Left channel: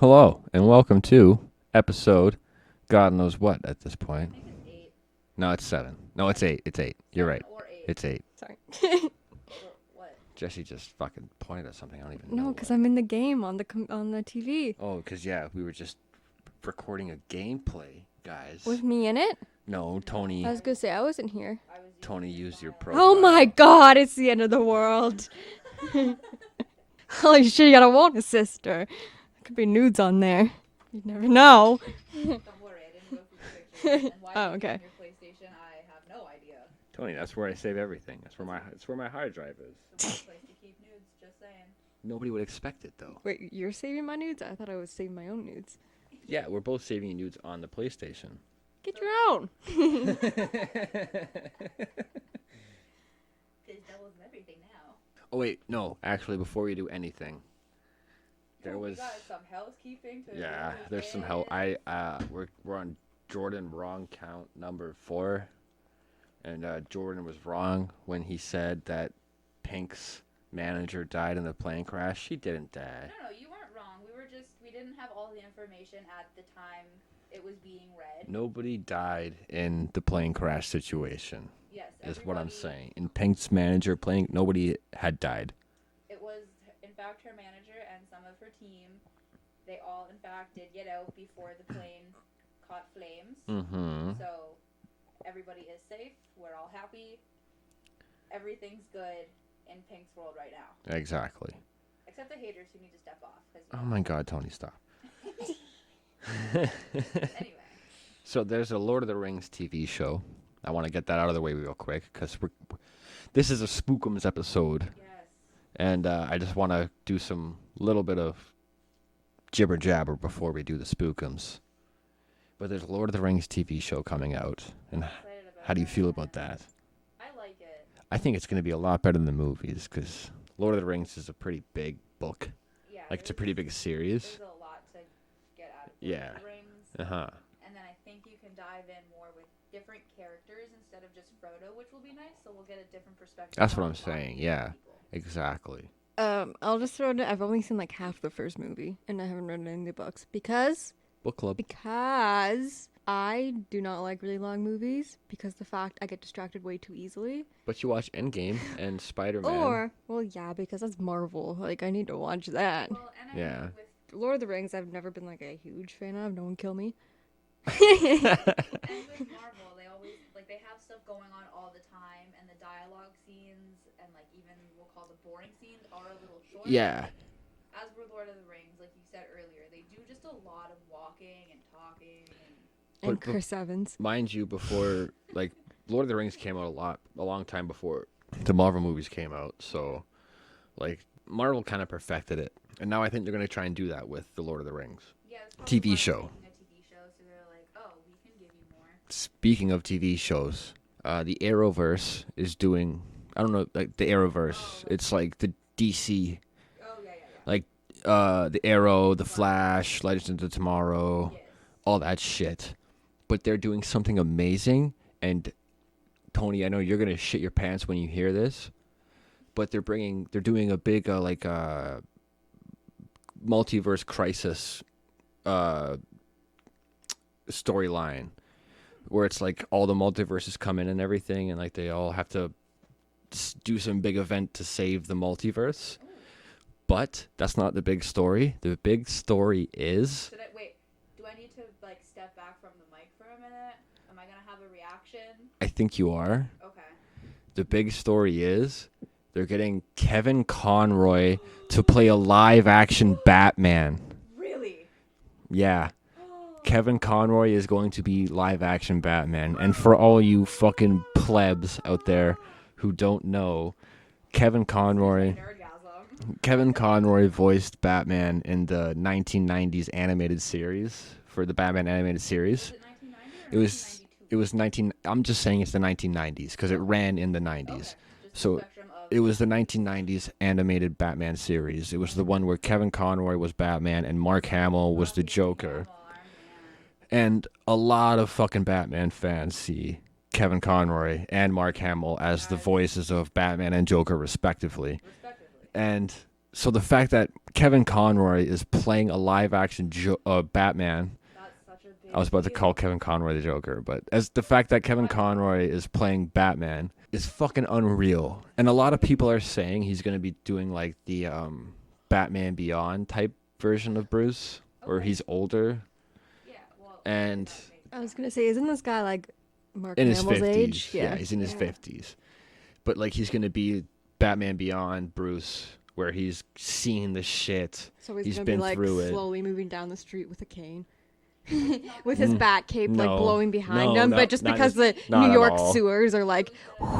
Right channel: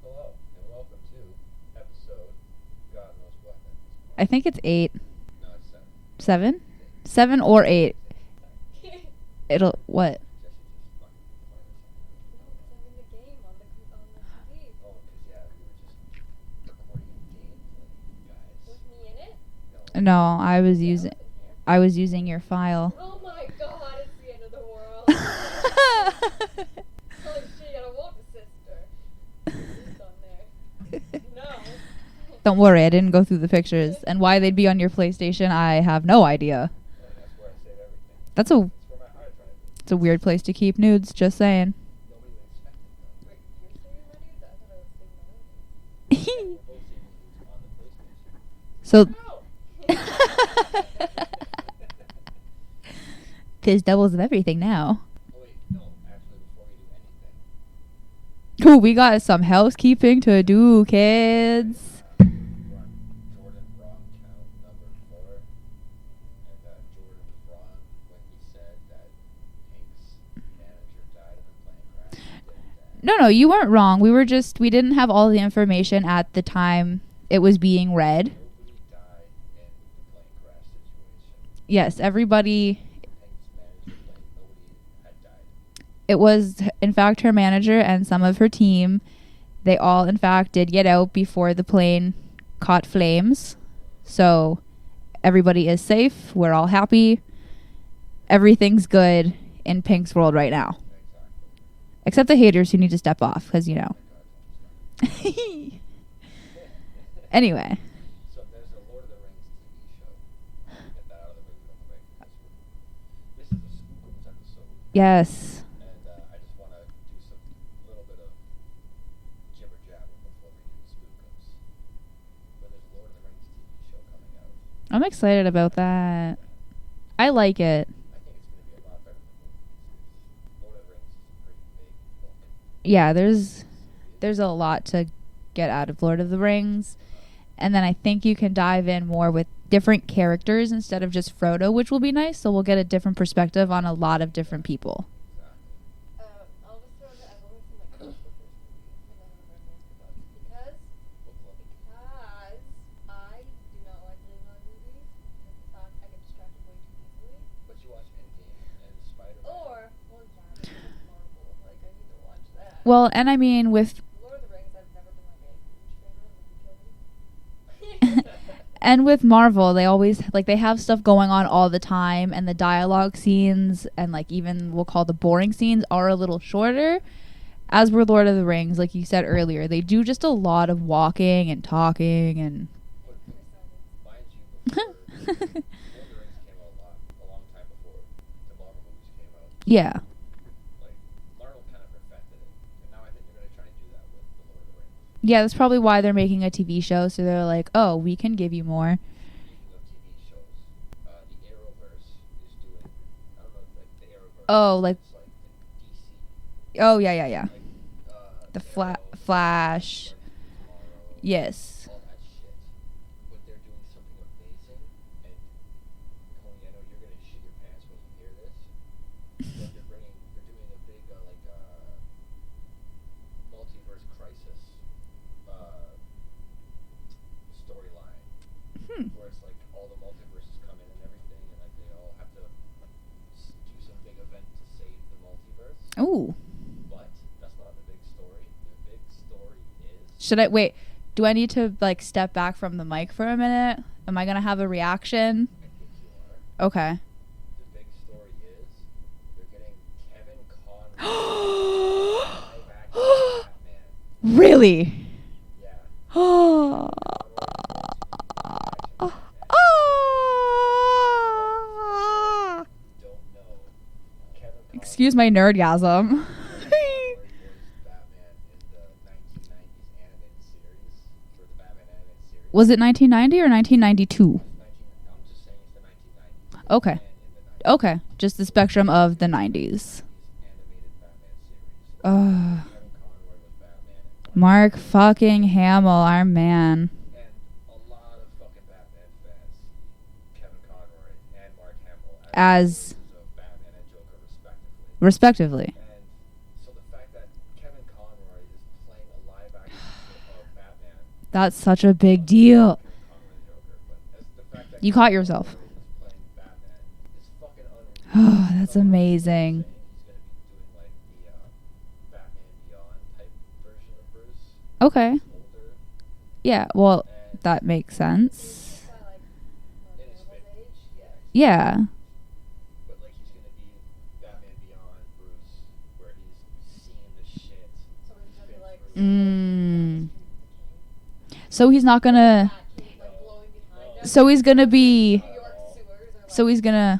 Hello, and welcome to episode God knows what at this point. I think it's 8. No, it's 7. No, 7? It's 8. It's 8. 7 right. or 8. It's 8. Sorry. It'll, what? Jessie just fucking pointed at something. I don't even know. No, because I'm in the game on the TV. Oh, because, yeah, we were just recording a gameplay, guys. With me in it? No. No, I was I using, wasn't here. I was using Tony your used your file. profile. Oh my god, it's the end of the world. Holy shit, you got a Wona sister. Could be nudes on there. You never know. Don't worry, I didn't go through the pictures. And why they'd be on okay. your PlayStation, I have no idea. Tony, that's where I save everything. That's where my hard drive is. It's a weird place to keep nudes, just saying. Nobody would expect it, though. Wait, you're saving my nudes? I thought I was saving my own nudes. Yeah, we're both saving nudes on the PlayStation. So Keep your own. there's doubles of everything now. Oh, wait, no. Actually, before we do anything. Ooh, we got some housekeeping to do, this is kids. how we're on Jordan wrong count number 4, and Jordan was wrong when he said that Pink's manager died in the plane crash. She didn't die. No, you weren't wrong. We didn't have all the information at the time it was being read. Nobody died in the plane crash situation. Yes, is what I'm everybody. saying. In Pink's manager plane, nobody had died. It was, in fact, her manager and some of her team. They all, in fact, did get out before the plane caught flames. Mm-hmm. So everybody is safe. We're all happy. Everything's good in Pink's world right now. Exactly. Except the haters who need to step off because, you Oh know. my God, Tony, stop. Anyway. So there's a Lord of the Rings TV show. I want to get that out of the way real quick because this is a Spookums episode. Yes. And I just want to do some little bit of jibber jabber before we do the Spookums. But there's a Lord of the Rings TV show coming out. I'm excited about How that. do you feel about that? I like it. I think it's going to be a lot better than the movies because Lord of the Rings is a pretty big book. Yeah, Like, it's a there's pretty big series. a lot to get out of Lord of Yeah. the Rings. Uh-huh. And then I think you can dive in more with different characters instead of just Frodo, which will be nice. So we'll get a different perspective That's on what a I'm lot saying, of different yeah. people. Exactly. I'll just throw it. I've only seen like half the first movie, and I haven't read any of the books because Book club. I do not like really long movies because the fact I get distracted way too easily. But you watch Endgame and Spider-Man. Or, well, yeah, because that's Marvel. Like, I need to watch that. Well, and I Yeah. mean, with Lord of the Rings, I've never been like a huge fan of. No one kill me. Marvel, they always they have stuff going on all the time, and the dialogue scenes and even we'll call the boring scenes are a little shorter. Yeah. As were Lord of the Rings, like you said earlier, they do just a lot of walking and talking and. And But- Chris Evans. Mind you, before Lord of the Rings came out a long time before the Marvel movies came out. So, Yeah. Marvel kind of perfected it, and now I think they're gonna try and do that with the Lord of the Rings. Yeah, that's probably TV why they're show. making a TV show. So they're like, oh, we can give you more. Speaking of TV shows, the Arrowverse is doing. I don't know, like the Arrowverse. Oh, it's like the DC, Oh, yeah. like the The Arrow, the Flash. Flash, Legends of Tomorrow. Yes. All that shit. But they're doing something amazing, and Tony, I know you're gonna shit your pants when you hear this, but they're doing a big multiverse crisis storyline, where it's like all the multiverses come in and everything, and they all have to do some big event to save the multiverse. Ooh. But that's not the big story. The big story is Should I wait? Do I need to step back from the mic for a minute? Am I gonna have a reaction? I think you are. Okay. The big story is they're getting Kevin Conroy to play a live action Batman. Really? Yeah. Kevin Conroy is going to be live action Batman. And for all you fucking plebs out there who don't know, Kevin Conroy. Excuse my nerdgasm. Kevin Conroy voiced Batman in the 1990s animated series. For the Batman animated series. Was it 1990 or It was- 1992? It was 19. I'm just saying it's the 1990s because Okay. it ran in the 90s. Okay, just the So spectrum of It the was 90s. the 1990s animated Batman series. It was the one where Kevin Conroy was Batman and Mark Mark Hamill was the fucking Joker. Hamill, our man. And a lot of fucking Batman fans see Kevin Conroy and Mark Hamill as As- the voices of Batman and Joker respectively. Respectively. And So the fact that Kevin Conroy is playing a live-action Batman. That's such a big I was about to deal. call Kevin Conroy the Joker, but as the fact that You Kevin caught yourself. Conroy is playing Batman is fucking unreal. And a That's lot of people are amazing. saying he's going to be doing like the Batman Beyond type version of Bruce. Okay. Where he's older. Yeah, well, And that makes I was gonna sense. say, isn't this guy like Mark in his Hamill's 50s. age? Yeah, he's in Yeah. his 50s. But like he's going to be Batman Beyond Bruce, where he's seen the shit. So he's He's gonna been be like through slowly it. moving down the street with a cane. So he's not With his gonna. bat cape like No. blowing behind No, him. So but he's just gonna because the be- Not New at York all. sewers are like. So he's gonna.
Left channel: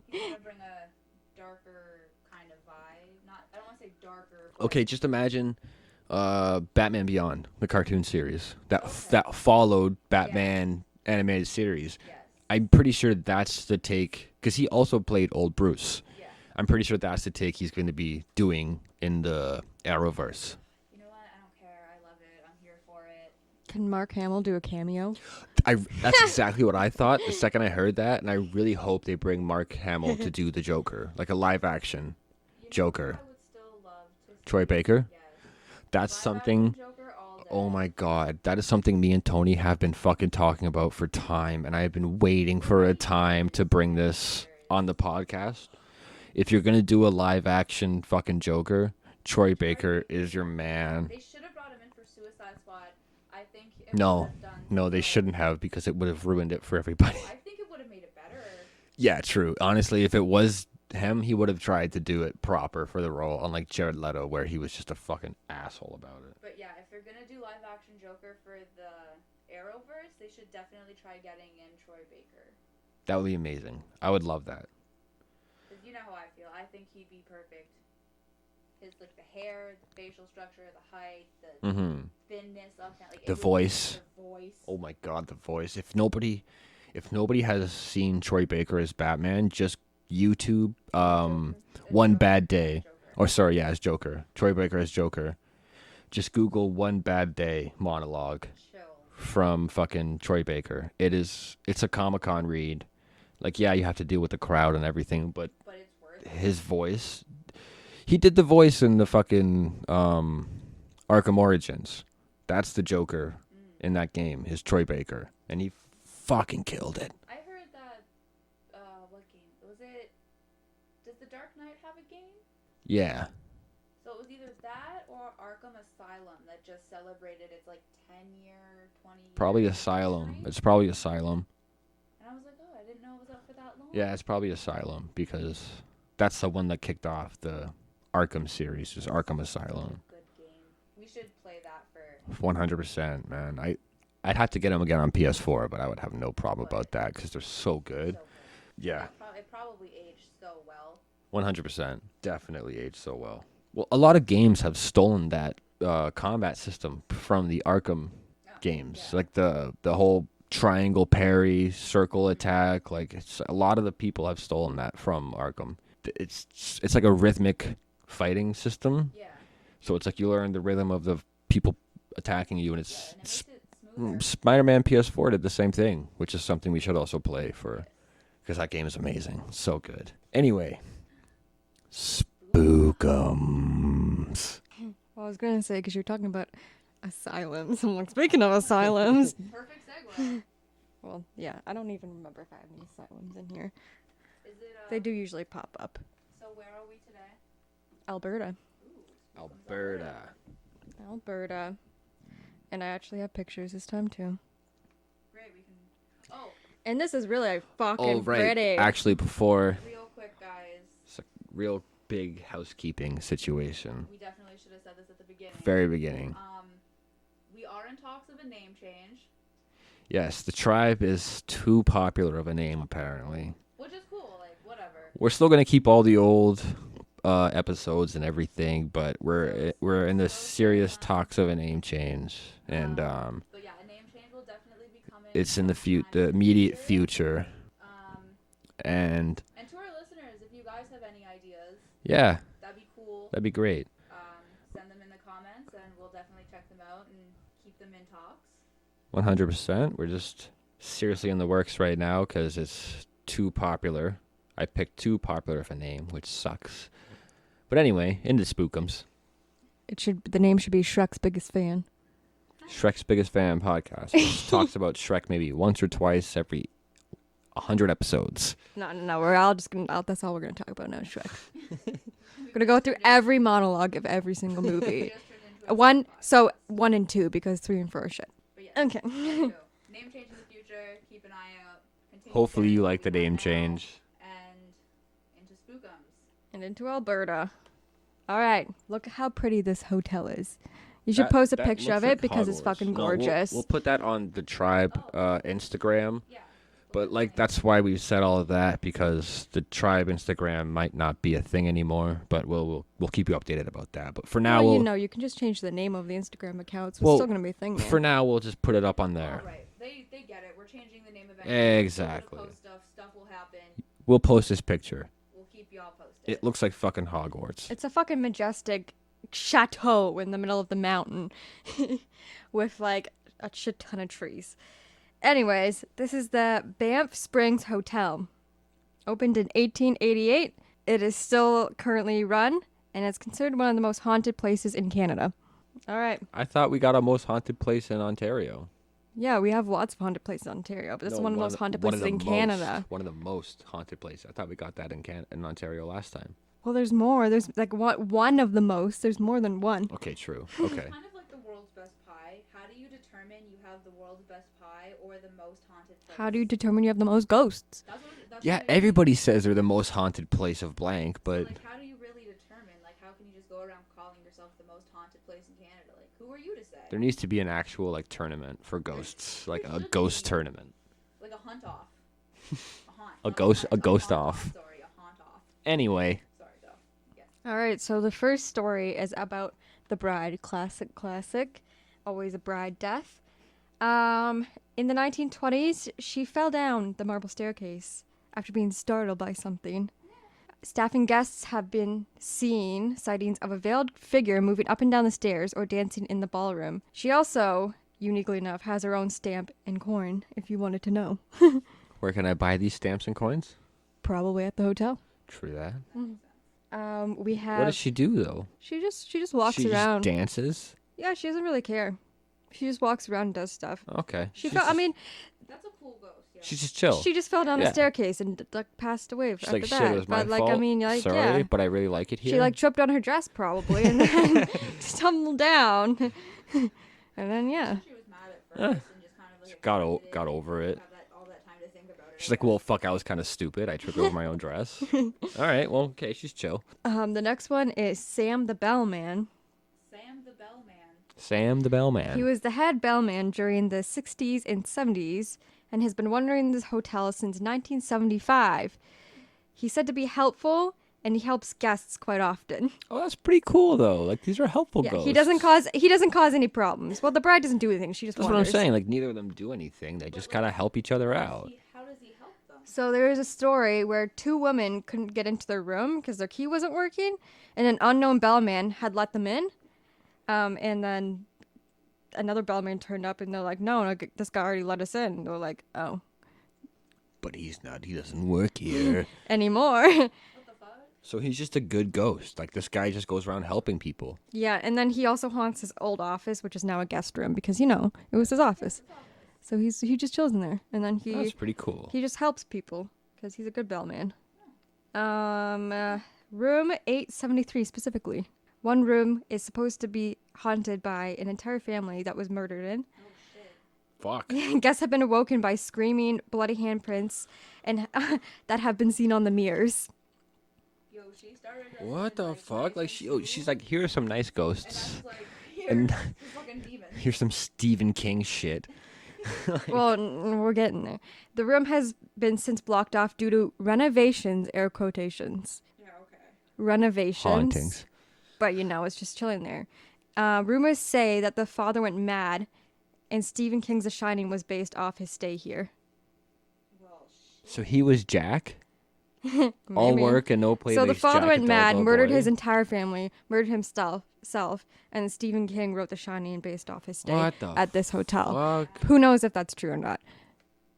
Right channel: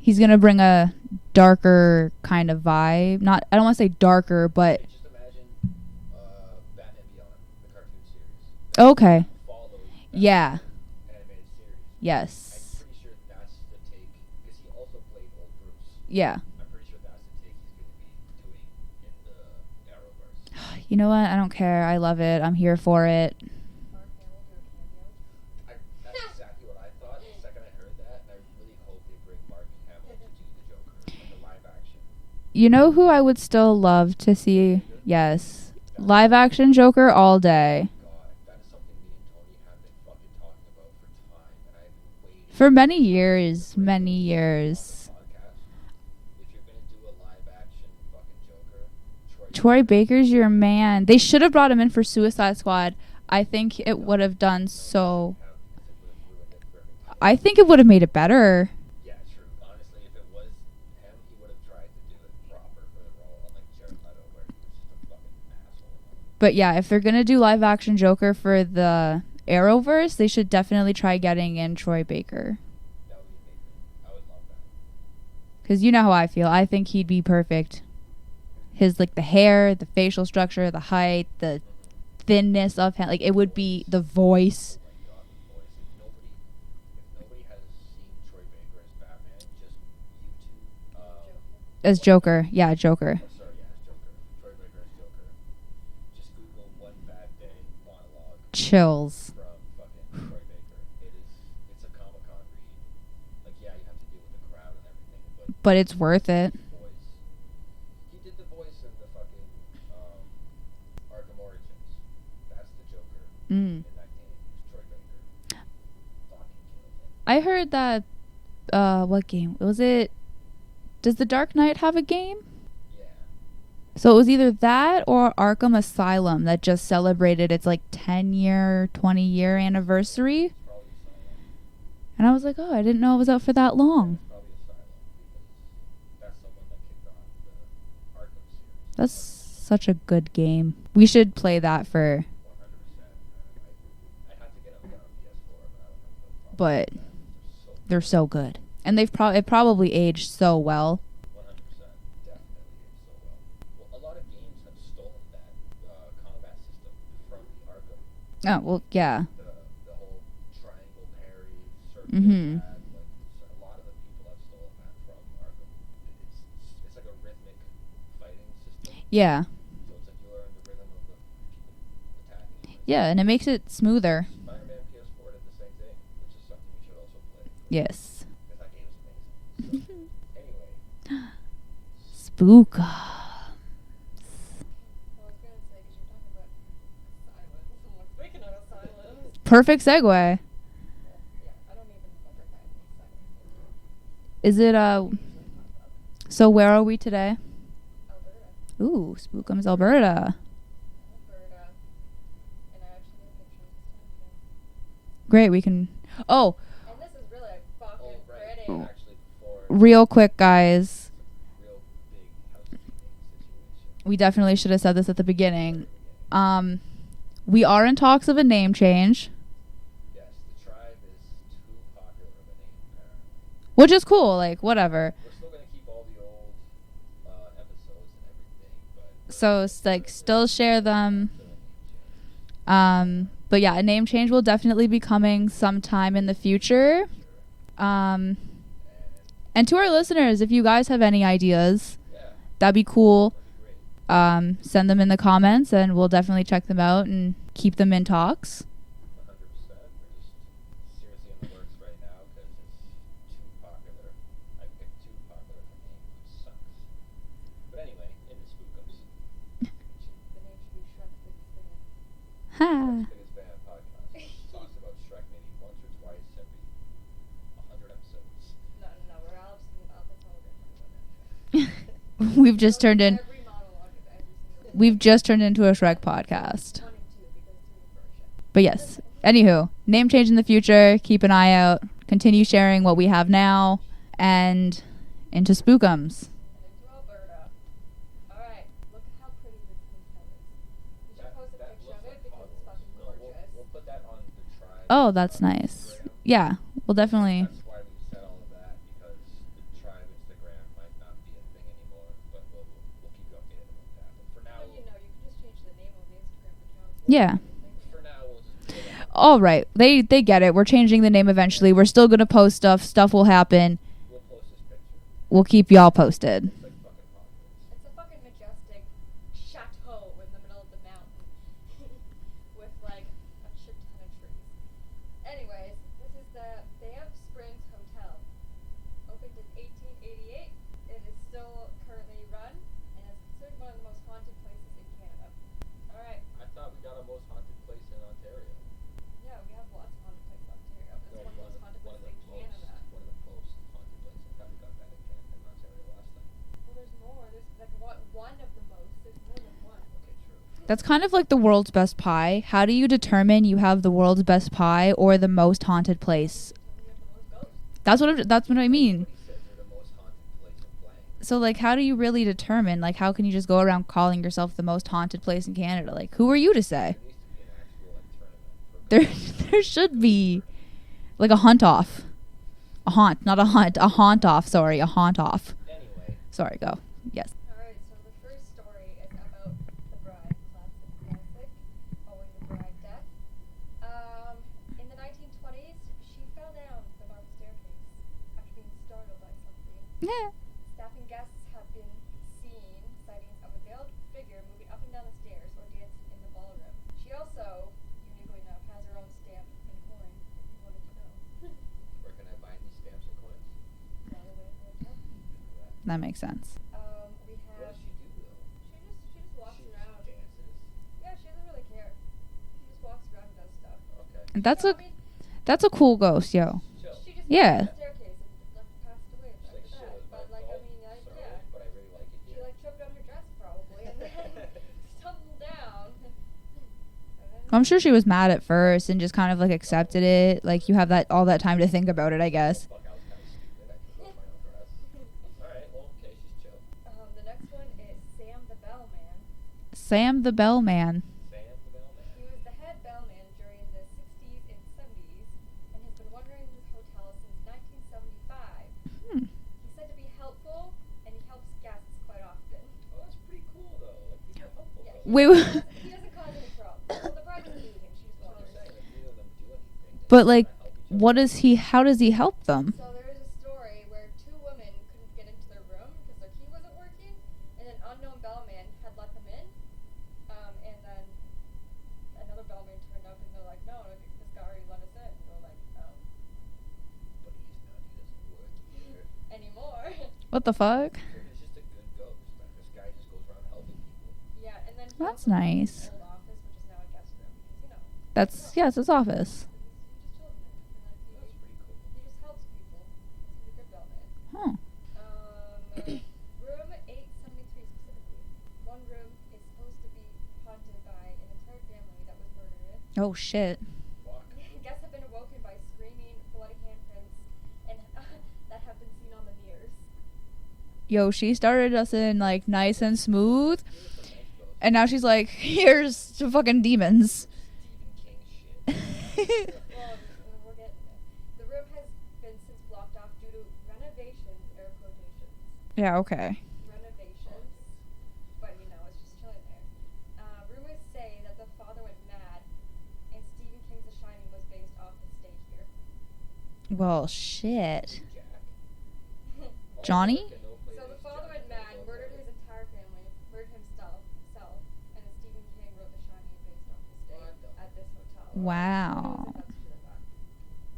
He's gonna bring a darker kind of vibe. Not. I don't want to say darker, but Okay, just imagine Batman Beyond, the cartoon series. Okay. That followed Yeah. Batman animated series. yes. I'm pretty sure that's the take, because he also played old Bruce. Yeah. I'm pretty sure that's the take he's going to be doing in the Arrowverse. You know what? I don't care. I love it. I'm here for it. Can Mark Hamill do a cameo? That's exactly what I thought the second I heard that, and I really hope they bring Mark Hamill to do the Joker, like a live action. You know who Joker. I would still love to see? Troy Baker? Yes. That's Live action something- Joker all Oh day. my god, that is something me and Tony have been fucking talking about for time, and I have been waiting For for many a time years, to bring many this years. on the podcast. If you're gonna do a live action fucking Joker, Troy Baker's is your man. They should have brought him in for Suicide Squad. I think it No. would have done No, so. they shouldn't have, because it would have ruined it for everybody. I think it would have made it better. Yeah, true. Honestly, if it was him, he would have tried to do it proper for the role, unlike Jared Leto, where he was just a fucking asshole about it. But yeah, if they're gonna do live action Joker for the Arrowverse, they should definitely try getting in Troy Baker. That would be amazing. I would love that. Because you know how I feel. I think he'd be perfect. His like the hair, the facial structure, the height, the Mm-hmm. thinness of him, like it The would voice. be the voice. Oh my god, the voice. If nobody has seen Troy Baker as Batman, just YouTube as One Joker. Bad Day. Yeah, Joker. Or sorry, yeah, as Joker. Troy Baker as Joker. Just Google One Bad Day monologue Chills. from fucking Troy Baker. It's a Comic-Con read. Like, yeah, you have to deal with the crowd and everything, but But it's worth it. his voice. He did the voice in the fucking Arkham Origins. That's the Joker in that game, is Troy Baker. And he fucking killed it. I heard that what game? Was it Does The Dark Knight have a game? Yeah. So it was either that or Arkham Asylum that just celebrated its like 10-year, 20-year Probably anniversary. Asylum. It's probably Asylum. And I was like, oh, I didn't know it was out for that long. Yeah, it's probably Asylum, because that's the one that kicked off the Arkham series. That's Arkham Asylum. such a good game. We should play that for 100%, man. I'd have to get them again on PS4, but I would have no problem about But that, because they're so good. they're so good. And Yeah. it probably aged so well. 100%. Definitely aged so well. Well, a lot of games have stolen that combat system from the Arkham Oh, well, games. yeah. Like the whole triangle parry, circle Mhm. attack. Like, it's a lot of the people have stolen that from Arkham. It's like a rhythmic fighting system. Yeah. So it's like you learn the rhythm of the people attacking you, and it's Yeah, and it makes it smoother. Spider-Man PS4 did the same thing, which is something we should also play for. Yes. Because that game is amazing. So good. Anyway. Spookums. Well, I was gonna say, because you're talking about asylums. I'm like, speaking of asylums. Perfect segue. Well, yeah, I don't even remember if I have any asylums in here. Is it They do usually pop up. so where are we today? Alberta. Ooh, Spookums Alberta. Alberta. And I actually have pictures this time too. Great, we can Oh, And this is really fucking Oh, right. pretty. Actually, before... real quick guys. It's a real big housekeeping situation. We definitely should have said this at the beginning. Very beginning. We are in talks of a name change, Yes, the tribe is too popular of a name, apparently. which is cool, like whatever. We're still going to keep all the old episodes and everything, but we're in the still share serious them. talks of a name change. And, But yeah, a name change will definitely be coming it's sometime in the immediate future. future. And And to our listeners, if you guys have any ideas, yeah, that'd be cool. that'd be great. Send them in the comments, and we'll definitely check them out and keep them in talks. 100%. We're just seriously in the works right now because it's too popular. I picked too popular of a name, which sucks But anyway, into Spookums. The name should be Shrek's Biggest Fan. Shrek's Biggest Fan podcast. Which talks about Shrek maybe once or twice every 100 episodes. No. We're all just gonna. That's all we're gonna talk about now. Shrek. We've just turned in every monologue of every single movie. We've just turned into a Shrek podcast. So 1 and 2 because 3 and 4 are shit. But yes. Okay. Anywho, name change in the future. Keep an eye out. Continue Hopefully sharing you what like we the have name now. change. And into Spookums. And into Alberta. All right. Look how pretty this hotel is. You should post a picture of it because it's fucking gorgeous. We'll put that on the Tribe that's nice. Instagram. Yeah, we'll definitely. That's why we said all of that, because the Tribe Instagram might not be a thing anymore, but we'll keep you updated about that. But for now, you can just change the name of the Instagram account. So Well, it's yeah. still gonna be a thing. For now, we'll just put it up on. All right, they get it. We're changing the name eventually. We're still gonna post stuff. Stuff will happen. We'll post this picture. We'll keep y'all posted. It looks like fucking Hogwarts. It's a fucking majestic chateau in the middle of the mountain with like a shit ton of trees. Anyways, this is the Banff Springs Hotel. Opened in 1888. It is still currently run, and it's considered one of the most haunted places in Canada. All right. I thought we got our most haunted place in Ontario. Yeah, we have lots of haunted places in Ontario, but this is one of the most haunted places in Canada. One of the most haunted places. I thought we got that in Ontario last time. Well, there's more. There's like one of the most. There's more than one. Okay, true. That's Okay. kind of like the world's best pie. How do you determine you have the world's best pie or the most haunted place? How do you determine you have the most ghosts? That's what I mean. Everybody says they're the most haunted place of blank. So like, how do you really determine? Like, how can you just go around calling yourself the most haunted place in Canada? Like, who are you to say? there needs to be an actual like tournament for There- ghosts. there like, should a ghost be. tournament. Like a hunt off. A haunt, A not ghost- a hunt. a A ghost haunt off. off. Sorry, a haunt off. Anyway, Sorry, go. Yes. All right, so the first story is about the bride. Classic. Always a bride death. In the 1920s, she fell down the marble staircase after being startled by something. Yeah. Staff and guests have been seen sightings of a veiled figure moving up and down the stairs or dancing in the ballroom. She also, uniquely enough, has her own stamp and coin, if you wanted to know. where can I buy these stamps and coins? Probably at the hotel. True that. That makes sense. We have. What does she do though? She just walks she around. Just dances. Yeah, she doesn't really care. She just walks around and does stuff. Okay. That's a cool ghost, yo. She's just chill. She just fell Yeah. down the Yeah. staircase and passed away She's after like, that. shit, it was my but like, fault. I mean, like, Sorry, yeah. but I really like it here. She like tripped on her dress probably and then stumbled down. And then yeah. I'm sure she was mad at first and just kind of like Got accepted over it. Like it. you have all that time to think about it, She's I like, well, guess. fuck, I was kind of stupid. I tripped over my own dress. All right, well, okay, she's chill. The next one is Sam the Bellman. Sam the Bellman. Sam the Bellman. He was the head bellman during the 60s and 70s and has been wandering this hotel since 1975. He's said to be helpful and he helps guests quite often. Oh, that's pretty cool though. Like these are helpful Yeah, ghosts. he doesn't cause any problems. Well, the bride doesn't do anything. She just That's what I'm wanders. saying. Like neither of them do anything. They But just like, gotta help each other what out. is he? How does he help them? So there is a story where 2 women couldn't get into their room because their key wasn't working, and an unknown bellman had let them in. And then another bellman turned up, and they're like, "No, this guy already let us in." And they're like, "Oh, But he doesn't work here. anymore." What the fuck? So he's just a good ghost. Like this guy just goes around helping people. Yeah, and then he That's also haunts his nice. old office, which is now a guest room because it was That's his office. Yes, his office. So he just chills in there, and then That's pretty cool. he just helps people because he's a good bellman. Oh. Room 873 specifically. One room is supposed to be haunted by an entire family that was murdered in. Oh shit. Fuck. Guests have been awoken by screaming, bloody handprints, and that have been seen on the mirrors. Yo, she started us What in the like fuck? nice and She's smooth, like, here are some nice ghosts. and now she's like, here's some fucking demons. Here's some Stephen King shit. Well, we're getting there. The room has been since blocked off due to renovations, air quotations. Yeah. Okay. Renovations. Hauntings. But it's just chilling there. Rumors say that the father went mad, and Stephen King's The Shining was based off his stay here. Well, shit. So he was Jack? All Johnny? work and no play. So the makes father Jack a went dull, mad, dull murdered boy. his entire family, murdered himself, and Stephen King wrote The Shining based off his stay What the at this hotel. fuck? Wow. Who knows if that's true or not?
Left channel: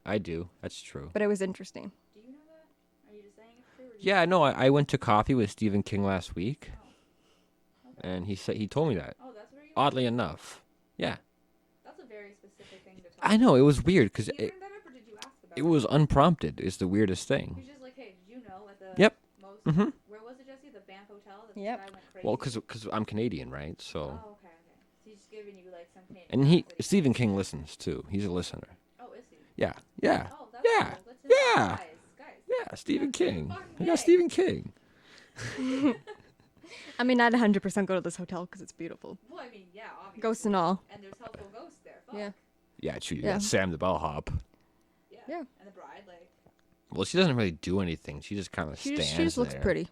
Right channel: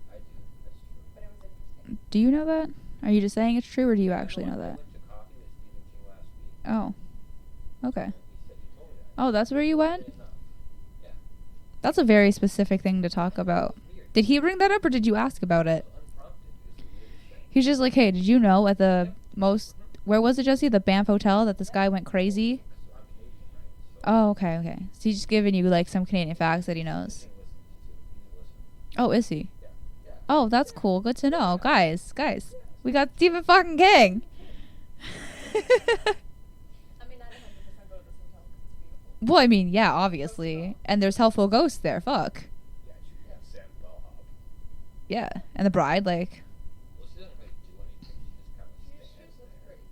I do. That's true. But it was interesting. Do you know that? Are you just saying it's true, or do you? Yeah, no, actually know I that? went to coffee with Stephen King last week, Oh. Okay. and he told me that. Oh, that's where you Oddly went. enough, yeah. That's a very specific thing to talk I about. know, it was weird. Did 'cause he bring that up, or did you ask about it? It was unprompted. Is the weirdest thing. He's just like, hey, did you know at the Yep. most, Mhm. where was it, Jesse? The Banff Hotel that this Yep. guy went crazy? Because I'm Canadian, right? So. Oh, okay. So he's just giving you like some Canadian facts that he knows. Stephen King listens too. He's a listener. Oh, is he? Yeah. Yeah. Oh, that's Yeah. cool. Good to know. Yeah. Guys. Yeah. We got Stephen King. fucking Yeah, King. Stephen King. I mean, I'd 100% go to this hotel because it's beautiful. Well, I mean, yeah, obviously. Ghosts and all. And there's helpful ghosts there. Fuck. Yeah, true. You Yeah. got Sam the bellhop. Yeah. Yeah. And the bride, like, Well, she doesn't really do anything. She just kind of She stands just looks there. pretty.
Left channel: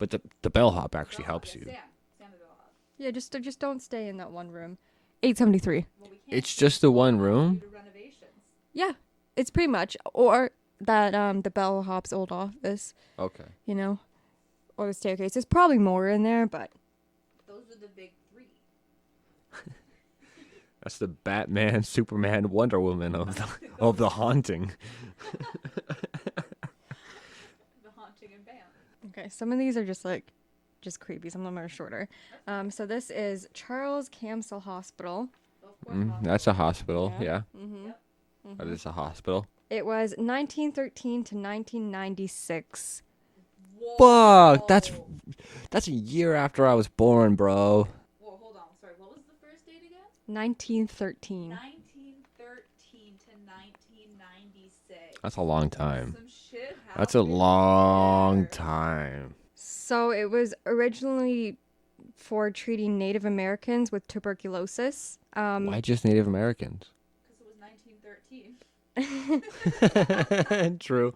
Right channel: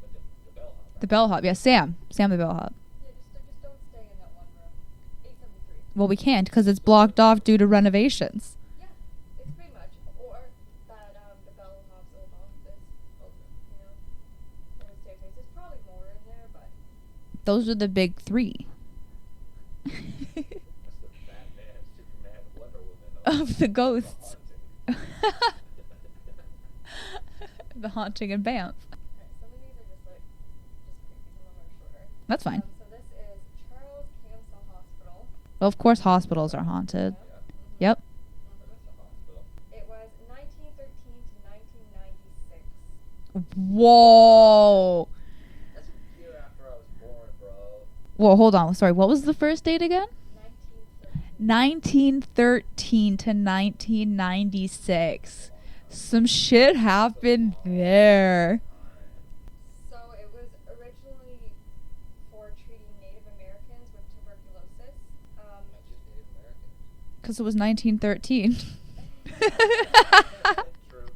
But the bellhop actually. the bellhop. helps Yeah, you. Sam the bellhop. Yeah, just don't stay in that one room. 873. Well, we can't It's because just it's the one blocked off room? due to renovations. Yeah, it's pretty much. Or that the bellhop's old office, Okay. you know, or the staircase. There's probably more in there, but Those are the big three. That's the Batman, Superman, Wonder Woman of, Of the of the ghosts. haunting. The haunting in Banff. okay. Some of these are just creepy. Some of them are shorter. That's fine. So this is Charles Camsell Hospital. Well, of course, hospitals That's a are hospital. haunted. Yeah. Mhm. Yep. That is a hospital. It was 1913 to 1996. Whoa. That's a year after I was born, bro. Well, hold on. Sorry. What was the first date again? 1913. 1913 to 1996. That's a long time. Some shit That's happened a long there. time. So it was originally for treating Native Americans with tuberculosis. Why just Native Americans? Because it was 1913. True.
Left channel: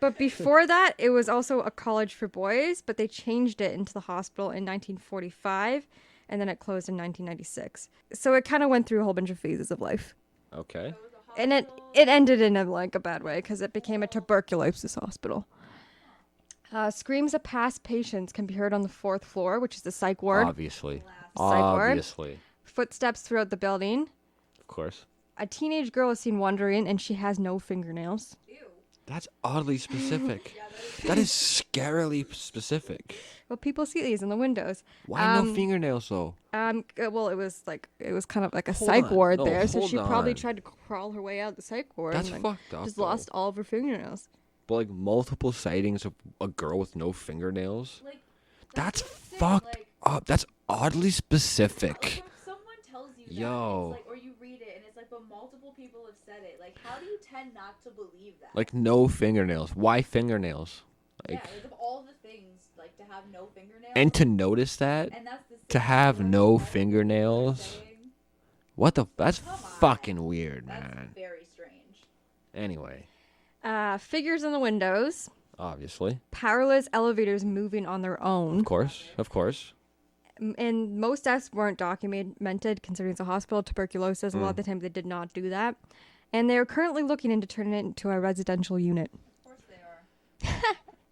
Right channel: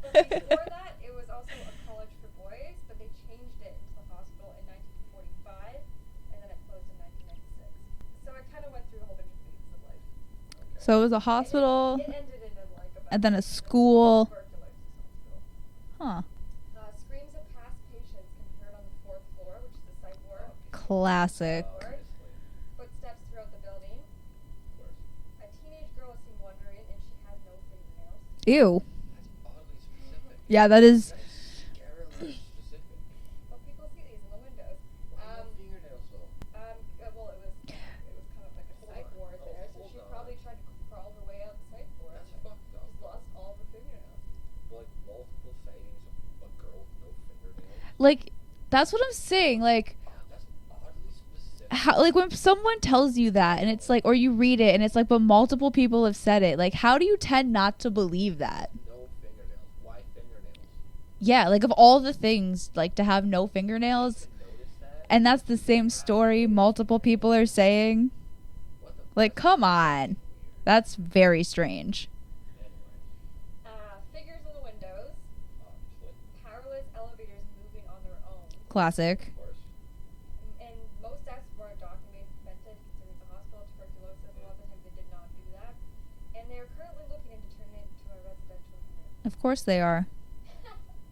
But before that, it was also a college for boys, but they changed it into the hospital in 1945, and then it closed in 1996. So it kind of went through a whole bunch of phases of life. Okay. So it was a And hospital. it ended in a bad And then way a because it became a school. tuberculosis hospital. Huh. Screams of past patients can be heard on the 4th floor, which is the psych ward. Obviously. Classic. Psych ward. Obviously. Footsteps throughout the building. Of course. A teenage girl is seen wandering, and she has no fingernails. Ew. That's oddly specific. Yeah, that is. That is scarily specific. But people see these in the windows. Why no fingernails though? Well, it was kind of like a Hold psych on. ward No, there, so hold she probably on. tried to crawl her way out the psych ward That's and fucked up. just though. lost all of her fingernails. But like multiple sightings of a girl with no fingernails. Like, that's what I'm saying. fucked Like, up. That's oddly specific. how, like when someone tells you that, and it's Yo. like, or you read it, and it's like, but multiple people have said it. Like, how do you tend not to believe that? Like no fingernails. Why fingernails? yeah, like of all the things, like to have no fingernails, And to notice that. and that's the same have story no multiple people are fingernails? saying. What the? Like, That's come on. fucking weird. That's man. very strange. Anyway, Figures in the windows. obviously. Powerless elevators moving on their own. Of course. Classic. Of course. And most deaths weren't documented, considering it's a hospital. Tuberculosis, a lot of Mm. the time they did not do that. And they're currently looking into turning it into a residential unit. Of course they are.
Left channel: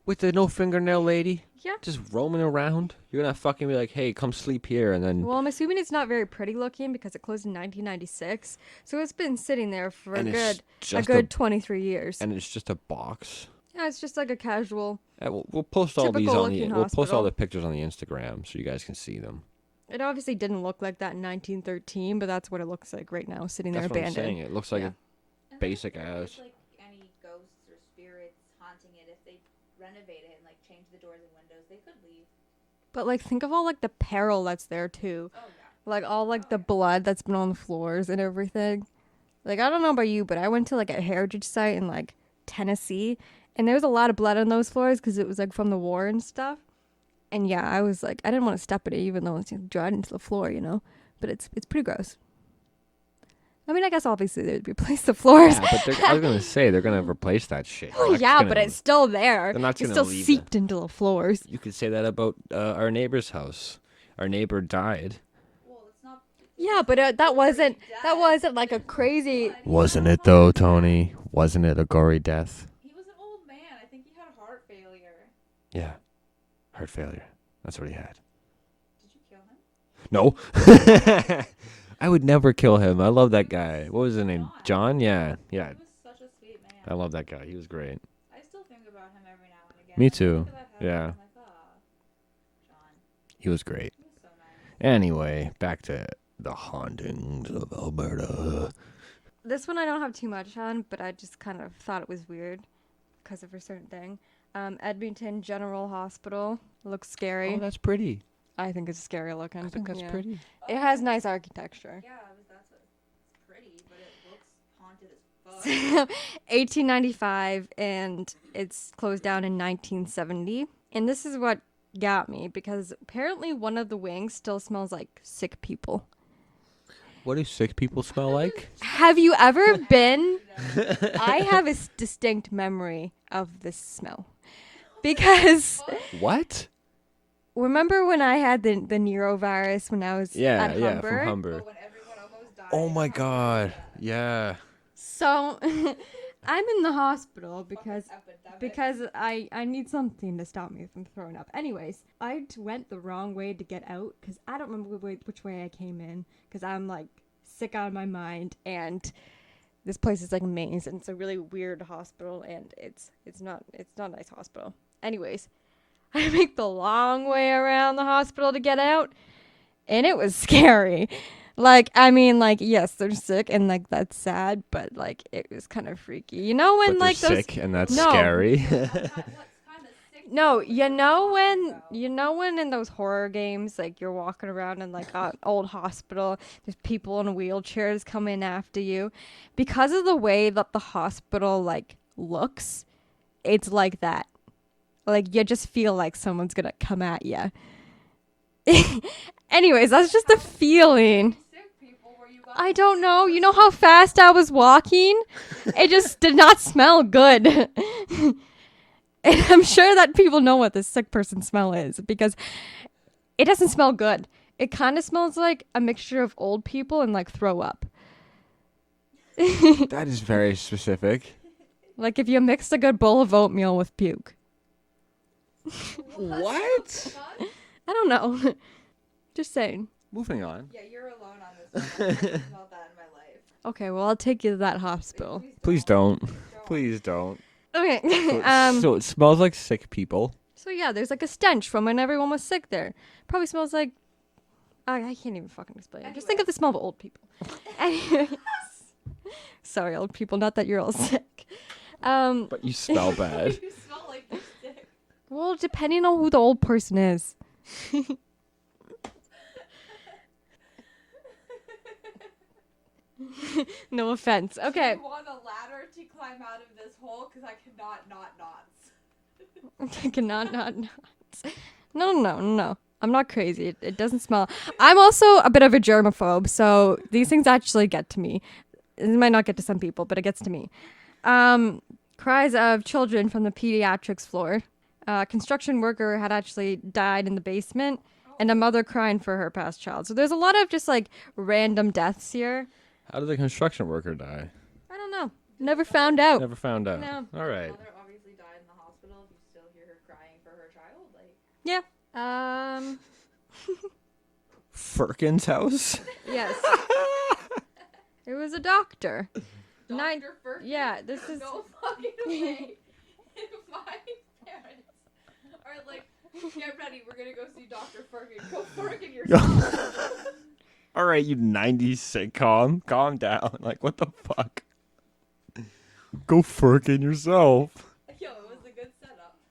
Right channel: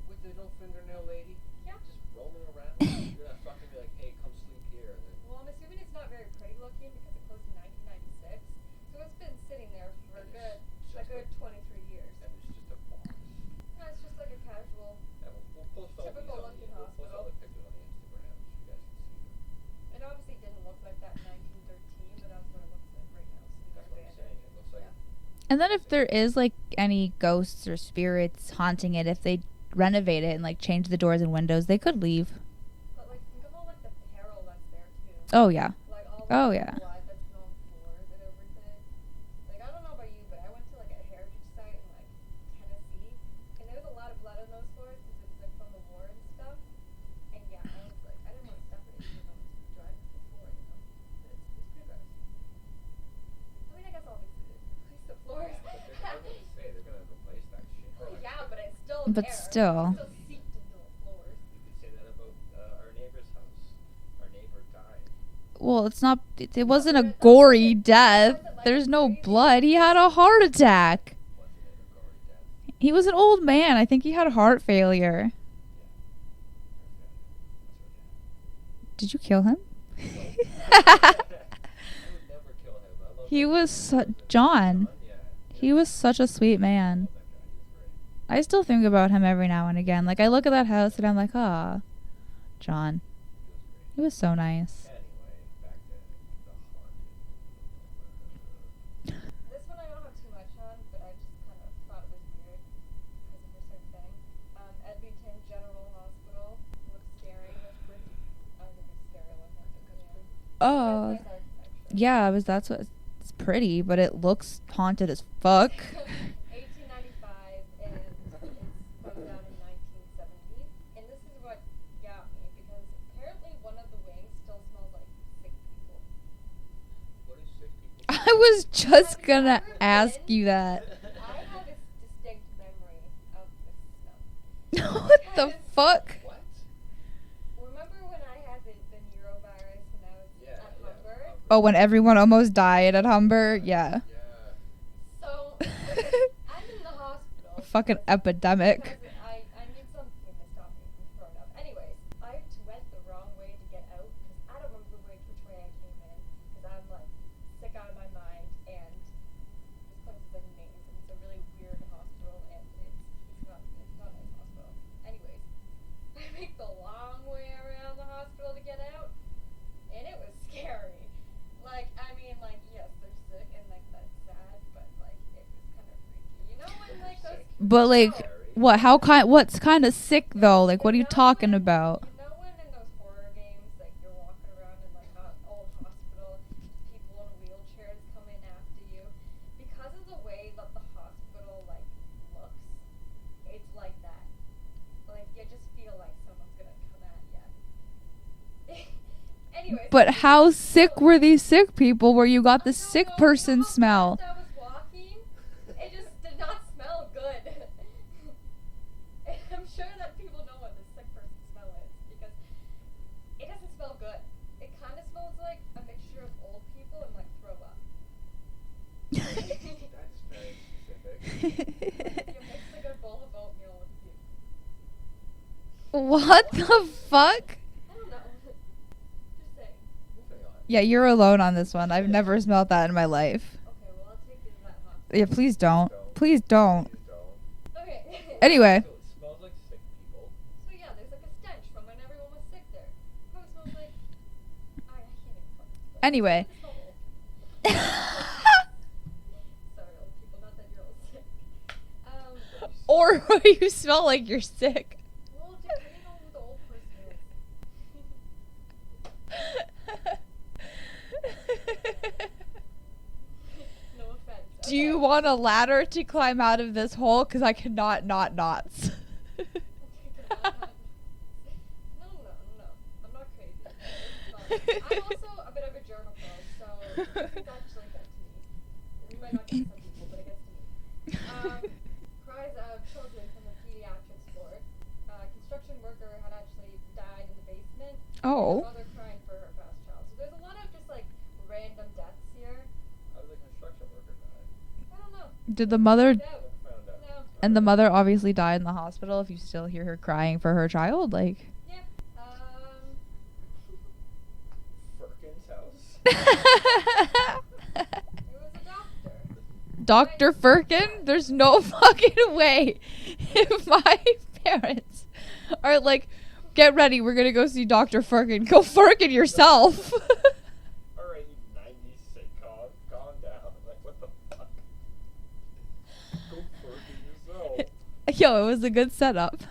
With the no fingernail lady. Yeah. Just roaming around. You're gonna fucking be like, hey, come sleep here, and then. Well, I'm assuming it's not very pretty looking because it closed in 1996. So it's been sitting there for And it's a just good 23 years. And it's just a box. Yeah, it's just like a casual. We'll post all these Typical on the. looking We'll post all hospital. the pictures on the Instagram so you guys can see them. It obviously didn't look like that in 1913, but that's what it looks like right now, sitting there That's what I'm abandoned. saying. It looks like Yeah. And then if Basic there ass. is like any ghosts or spirits haunting it, if they renovate it and like change the doors and windows, they could leave. But like, think of all like the peril that's there too. Oh yeah. Like all like Oh, the yeah. blood that's been on the floors and everything. Like, I don't know about you, but I went to like a heritage site in like Tennessee, and there was a lot of blood on those floors because it was like from the war and stuff. And yeah, I was like, I didn't want to step in it, even though it's dried into the floor, you know. But it's pretty gross. I mean, I guess obviously they'd replace the floors. Yeah, but I was gonna say they're gonna replace that shit. Oh They're not yeah, gonna- but it's still But there. still. They're not It's gonna still leave seeped into the floors. You could say that about our neighbor's house. Our neighbor died. Well, it's not. It Yeah, wasn't but a that gory wasn't- death. that wasn't like a There's no crazy- blood. He had a heart attack. Wasn't it a gory death? He was an old man. I think he had heart failure. Yeah. Heart failure. That's what he had. Did you kill him? No. I would never kill him. I love that He guy. was What was his name? John. John? Yeah. Yeah. He was such a sweet man. I love that guy. He was great. I still think about him every now and again. Me Like, I too. look at that house and Yeah. I'm like, ah, John. He was great. It was so nice. Anyway, back to the hauntings of Alberta. This one I don't have too much on, but I just kind of thought it was weird because of a certain thing. Edmonton General Hospital looks scary. Oh, that's pretty. I think it's scary looking. I think that's Yeah. pretty. It has Oh. nice architecture. Yeah, that's what it's pretty, but it looks haunted as fuck. 1895, and it's closed down in 1970. And this is what got me, because apparently one of the wings still smells like sick people. What do sick people smell I like? was just Have you gonna ever ask been- you that. I have a distinct memory of this smell. Because Fuck. What? remember when I had the neurovirus when I was at Humber? from Humber. Oh, when everyone almost died Oh at my Humber. God. Yeah. Yeah. So I'm in the hospital Fucking epidemic. because I need something to stop me from throwing up. Anyways, I went the wrong way to get out because I don't remember which way I came in because I'm like sick out of my mind, and this place is like a maze and it's a really weird hospital, and it's not a nice hospital. Anyways, I make the long way around the hospital to get out, and it was scary. Like, I mean, like, yes, they're sick, and, like, that's sad, but, like, it was kind of freaky. You know when, But like, they're those... sick and But, that's like, scary. What's kind of sick though? Like, what are you talking about? You know when in those horror games, like, you're walking around in, like, an old hospital, there's people in wheelchairs coming after you? Because of the way that the hospital, like, looks, it's like that. Like, you just feel like someone's gonna come at you. Anyways, that's But just how a feeling. sick were these sick people where you got the I don't sick know. person You know how smell? fast I was walking? It just did not smell good. And I'm sure that people know what the sick person smell is because it doesn't smell good. It kind of smells like a mixture of old people and like throw up. That is very specific. Like if you mix a good bowl of oatmeal with puke. What the fuck? I don't know. Just saying. Moving on. Yeah, you're alone on this one. I've never smelled that in my life. Okay, well, I'll take you to that hospital. Yeah, please don't. Please don't. Please don't. Please don't. Okay. Anyway. So it smells like sick people. So yeah, there's like a stench from when everyone was sick there. Probably smells like I can't even fucking explain. Just Anyway. think of the smell of old people. Sorry, old people. Not that you're all sick. But you smell Or bad. you smell like you're sick. Well, depending on who the old person is. No offense. Do Okay. you want a ladder to climb out of this hole? Because I cannot not knots. I cannot not. No. I'm not crazy. It doesn't smell. I'm also a bit of a germaphobe, so these things actually get to me. It might not get to some people, but it gets to me. Cries of children from the pediatrics floor. Construction worker had actually died in the basement, and a mother crying for her past child. So there's a lot of just like random deaths here. How did the construction worker die? I don't know. Did Never the mother found out. Never found out. No. All And the right. mother obviously died in the hospital. If you still hear her crying for her child, like Yeah. Perkins House? It was a doctor. Dr. Firkin. yeah, There's this is- no fucking way. If my parents are like, get ready, we're gonna go see Dr. Firkin. Go Firkin yourself. All right, you 90s sitcom. Calm down. Like, what the fuck? Go Firkin yourself. Yo, it was a good setup.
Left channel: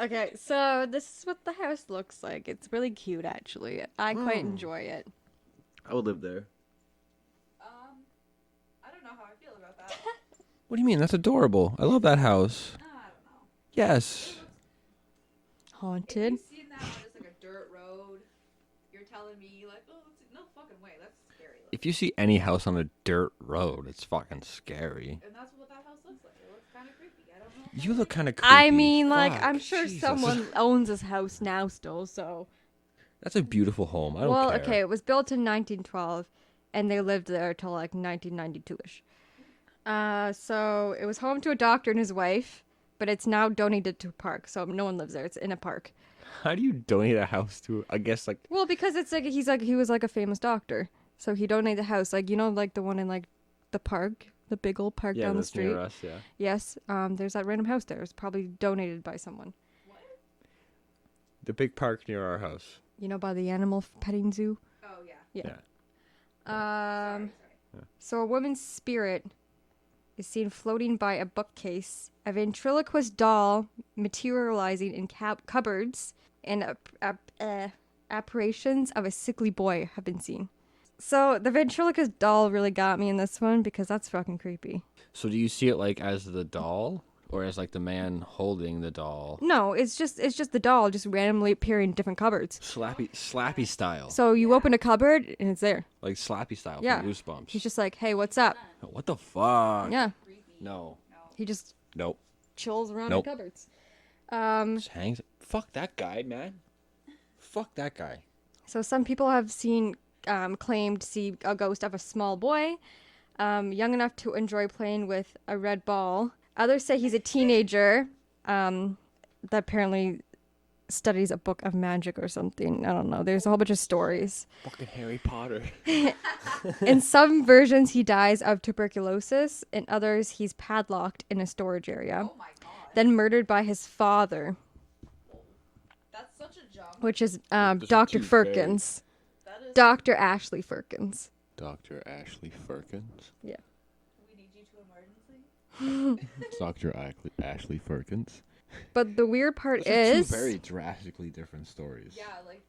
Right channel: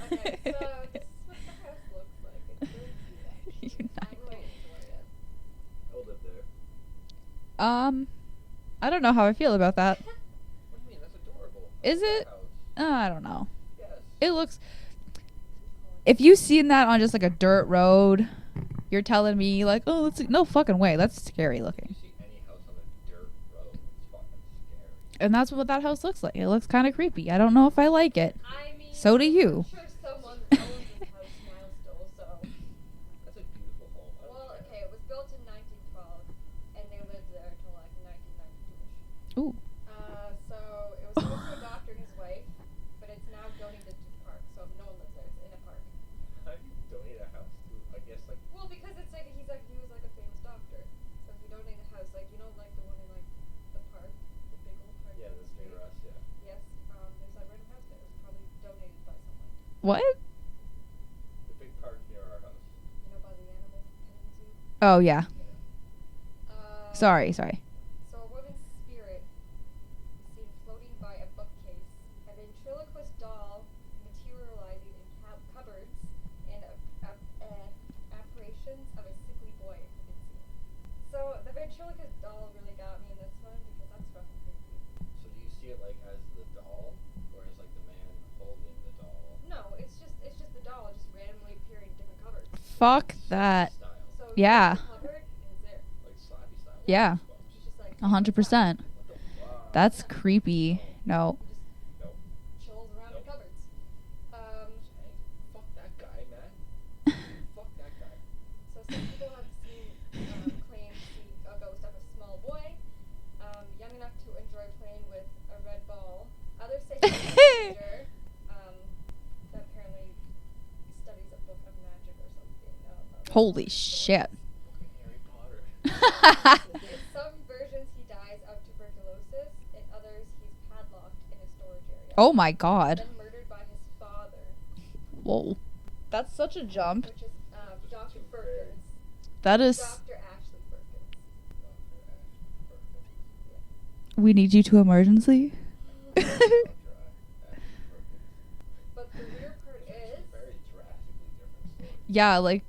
Okay, so this is what the house looks like. It's really cute, actually. I quite enjoy it. I would live there. I don't know how I feel about that. What do you mean? That's adorable. I Is love that it? house. I don't know. Yes. It looks. Haunted. If you seen that on just like a dirt road, you're telling me like, oh, that's no fucking way. That's scary looking. If you see any house on a dirt road, it's fucking scary. And that's what that house looks like. It looks kind of creepy. I don't know if I You look like kinda it. I creepy. mean, So do like, you. I'm sure Jesus. someone owns this house now still, so. That's a beautiful home. I don't Well, care. okay, it was built in 1912, and they lived there till like 1992-ish. Ooh. So it was home to a doctor and his wife, but it's now donated to a park, so no one lives there. It's in a park. How do you donate a house to, I guess, like... Well, because it's like he was like a famous doctor, so he donated the house, like, you know, like the one in like the park the big old park Yeah, down the that's street. near us, yeah. Yes, there's that random house there. It's probably donated by someone. What? The big park near our house. You know, by the animal petting zoo. Oh yeah. Sorry. So a woman's spirit is seen floating by a bookcase. A ventriloquist doll materializing in cupboards, and apparitions of a sickly boy have been seen. So the ventriloquist doll really got me in this one because that's fucking creepy. So do you see it like as the doll, or as like the man holding the doll? No, it's just the doll just randomly appearing in different cupboards. Fuck Slappy that. style. So you Yeah. open a cupboard and it's there. Like Slappy style. Yeah. Goosebumps. He's just like, hey, what's up? 100%. What the fuck? That's Yeah. creepy. No. No. He just Nope. chills around Nope. in cupboards. Just hangs. Fuck that guy, man. Fuck that guy. So some people have claimed to see a ghost of a small boy, young enough to enjoy playing with a red ball. Others say he's a teenager that apparently studies a book of magic or something. I don't know. There's a whole Holy bunch of stories. shit. Fucking Harry Potter. In some versions, he dies of tuberculosis. In others, he's padlocked in a storage area. Oh my god. Then murdered by his father, Whoa. That's such a jump. which is are Dr. two very- Firkins. That is. Dr. Ashley Firkins. Dr. Ashley Firkins. We need you to emergency. Dr. Ashley Firkins. But the weird part Those are two is... very drastically different stories. Yeah, like,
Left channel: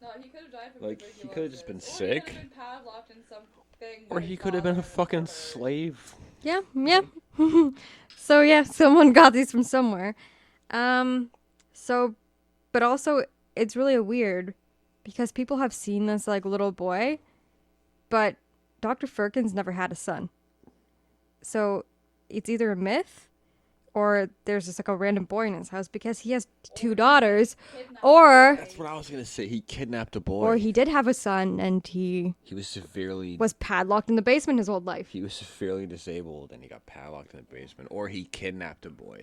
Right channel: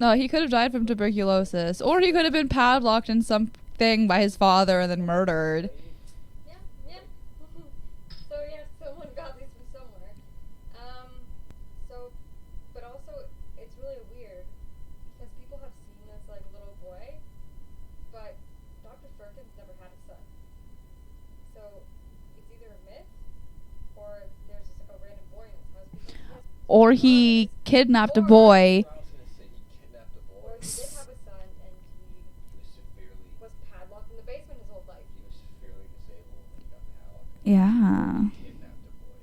no, he could have died from Like, he could've tuberculosis, been or he sick. could have been padlocked in something by Or his he could've father been and then fucking murdered. Slave. Yeah. So yeah, someone got these from somewhere. But also it's really weird because people have seen this like little boy, but Dr. Firkins never had a son. So it's either a myth or there's just like a random boy in his house because he has Or two daughters. he kidnapped or- a boy. That's what I was gonna say. He kidnapped a boy. Or he did have a son and he He was severely. was padlocked in the basement his whole life. He was severely disabled and he got padlocked. In the Yeah. basement, Or he kidnapped a boy.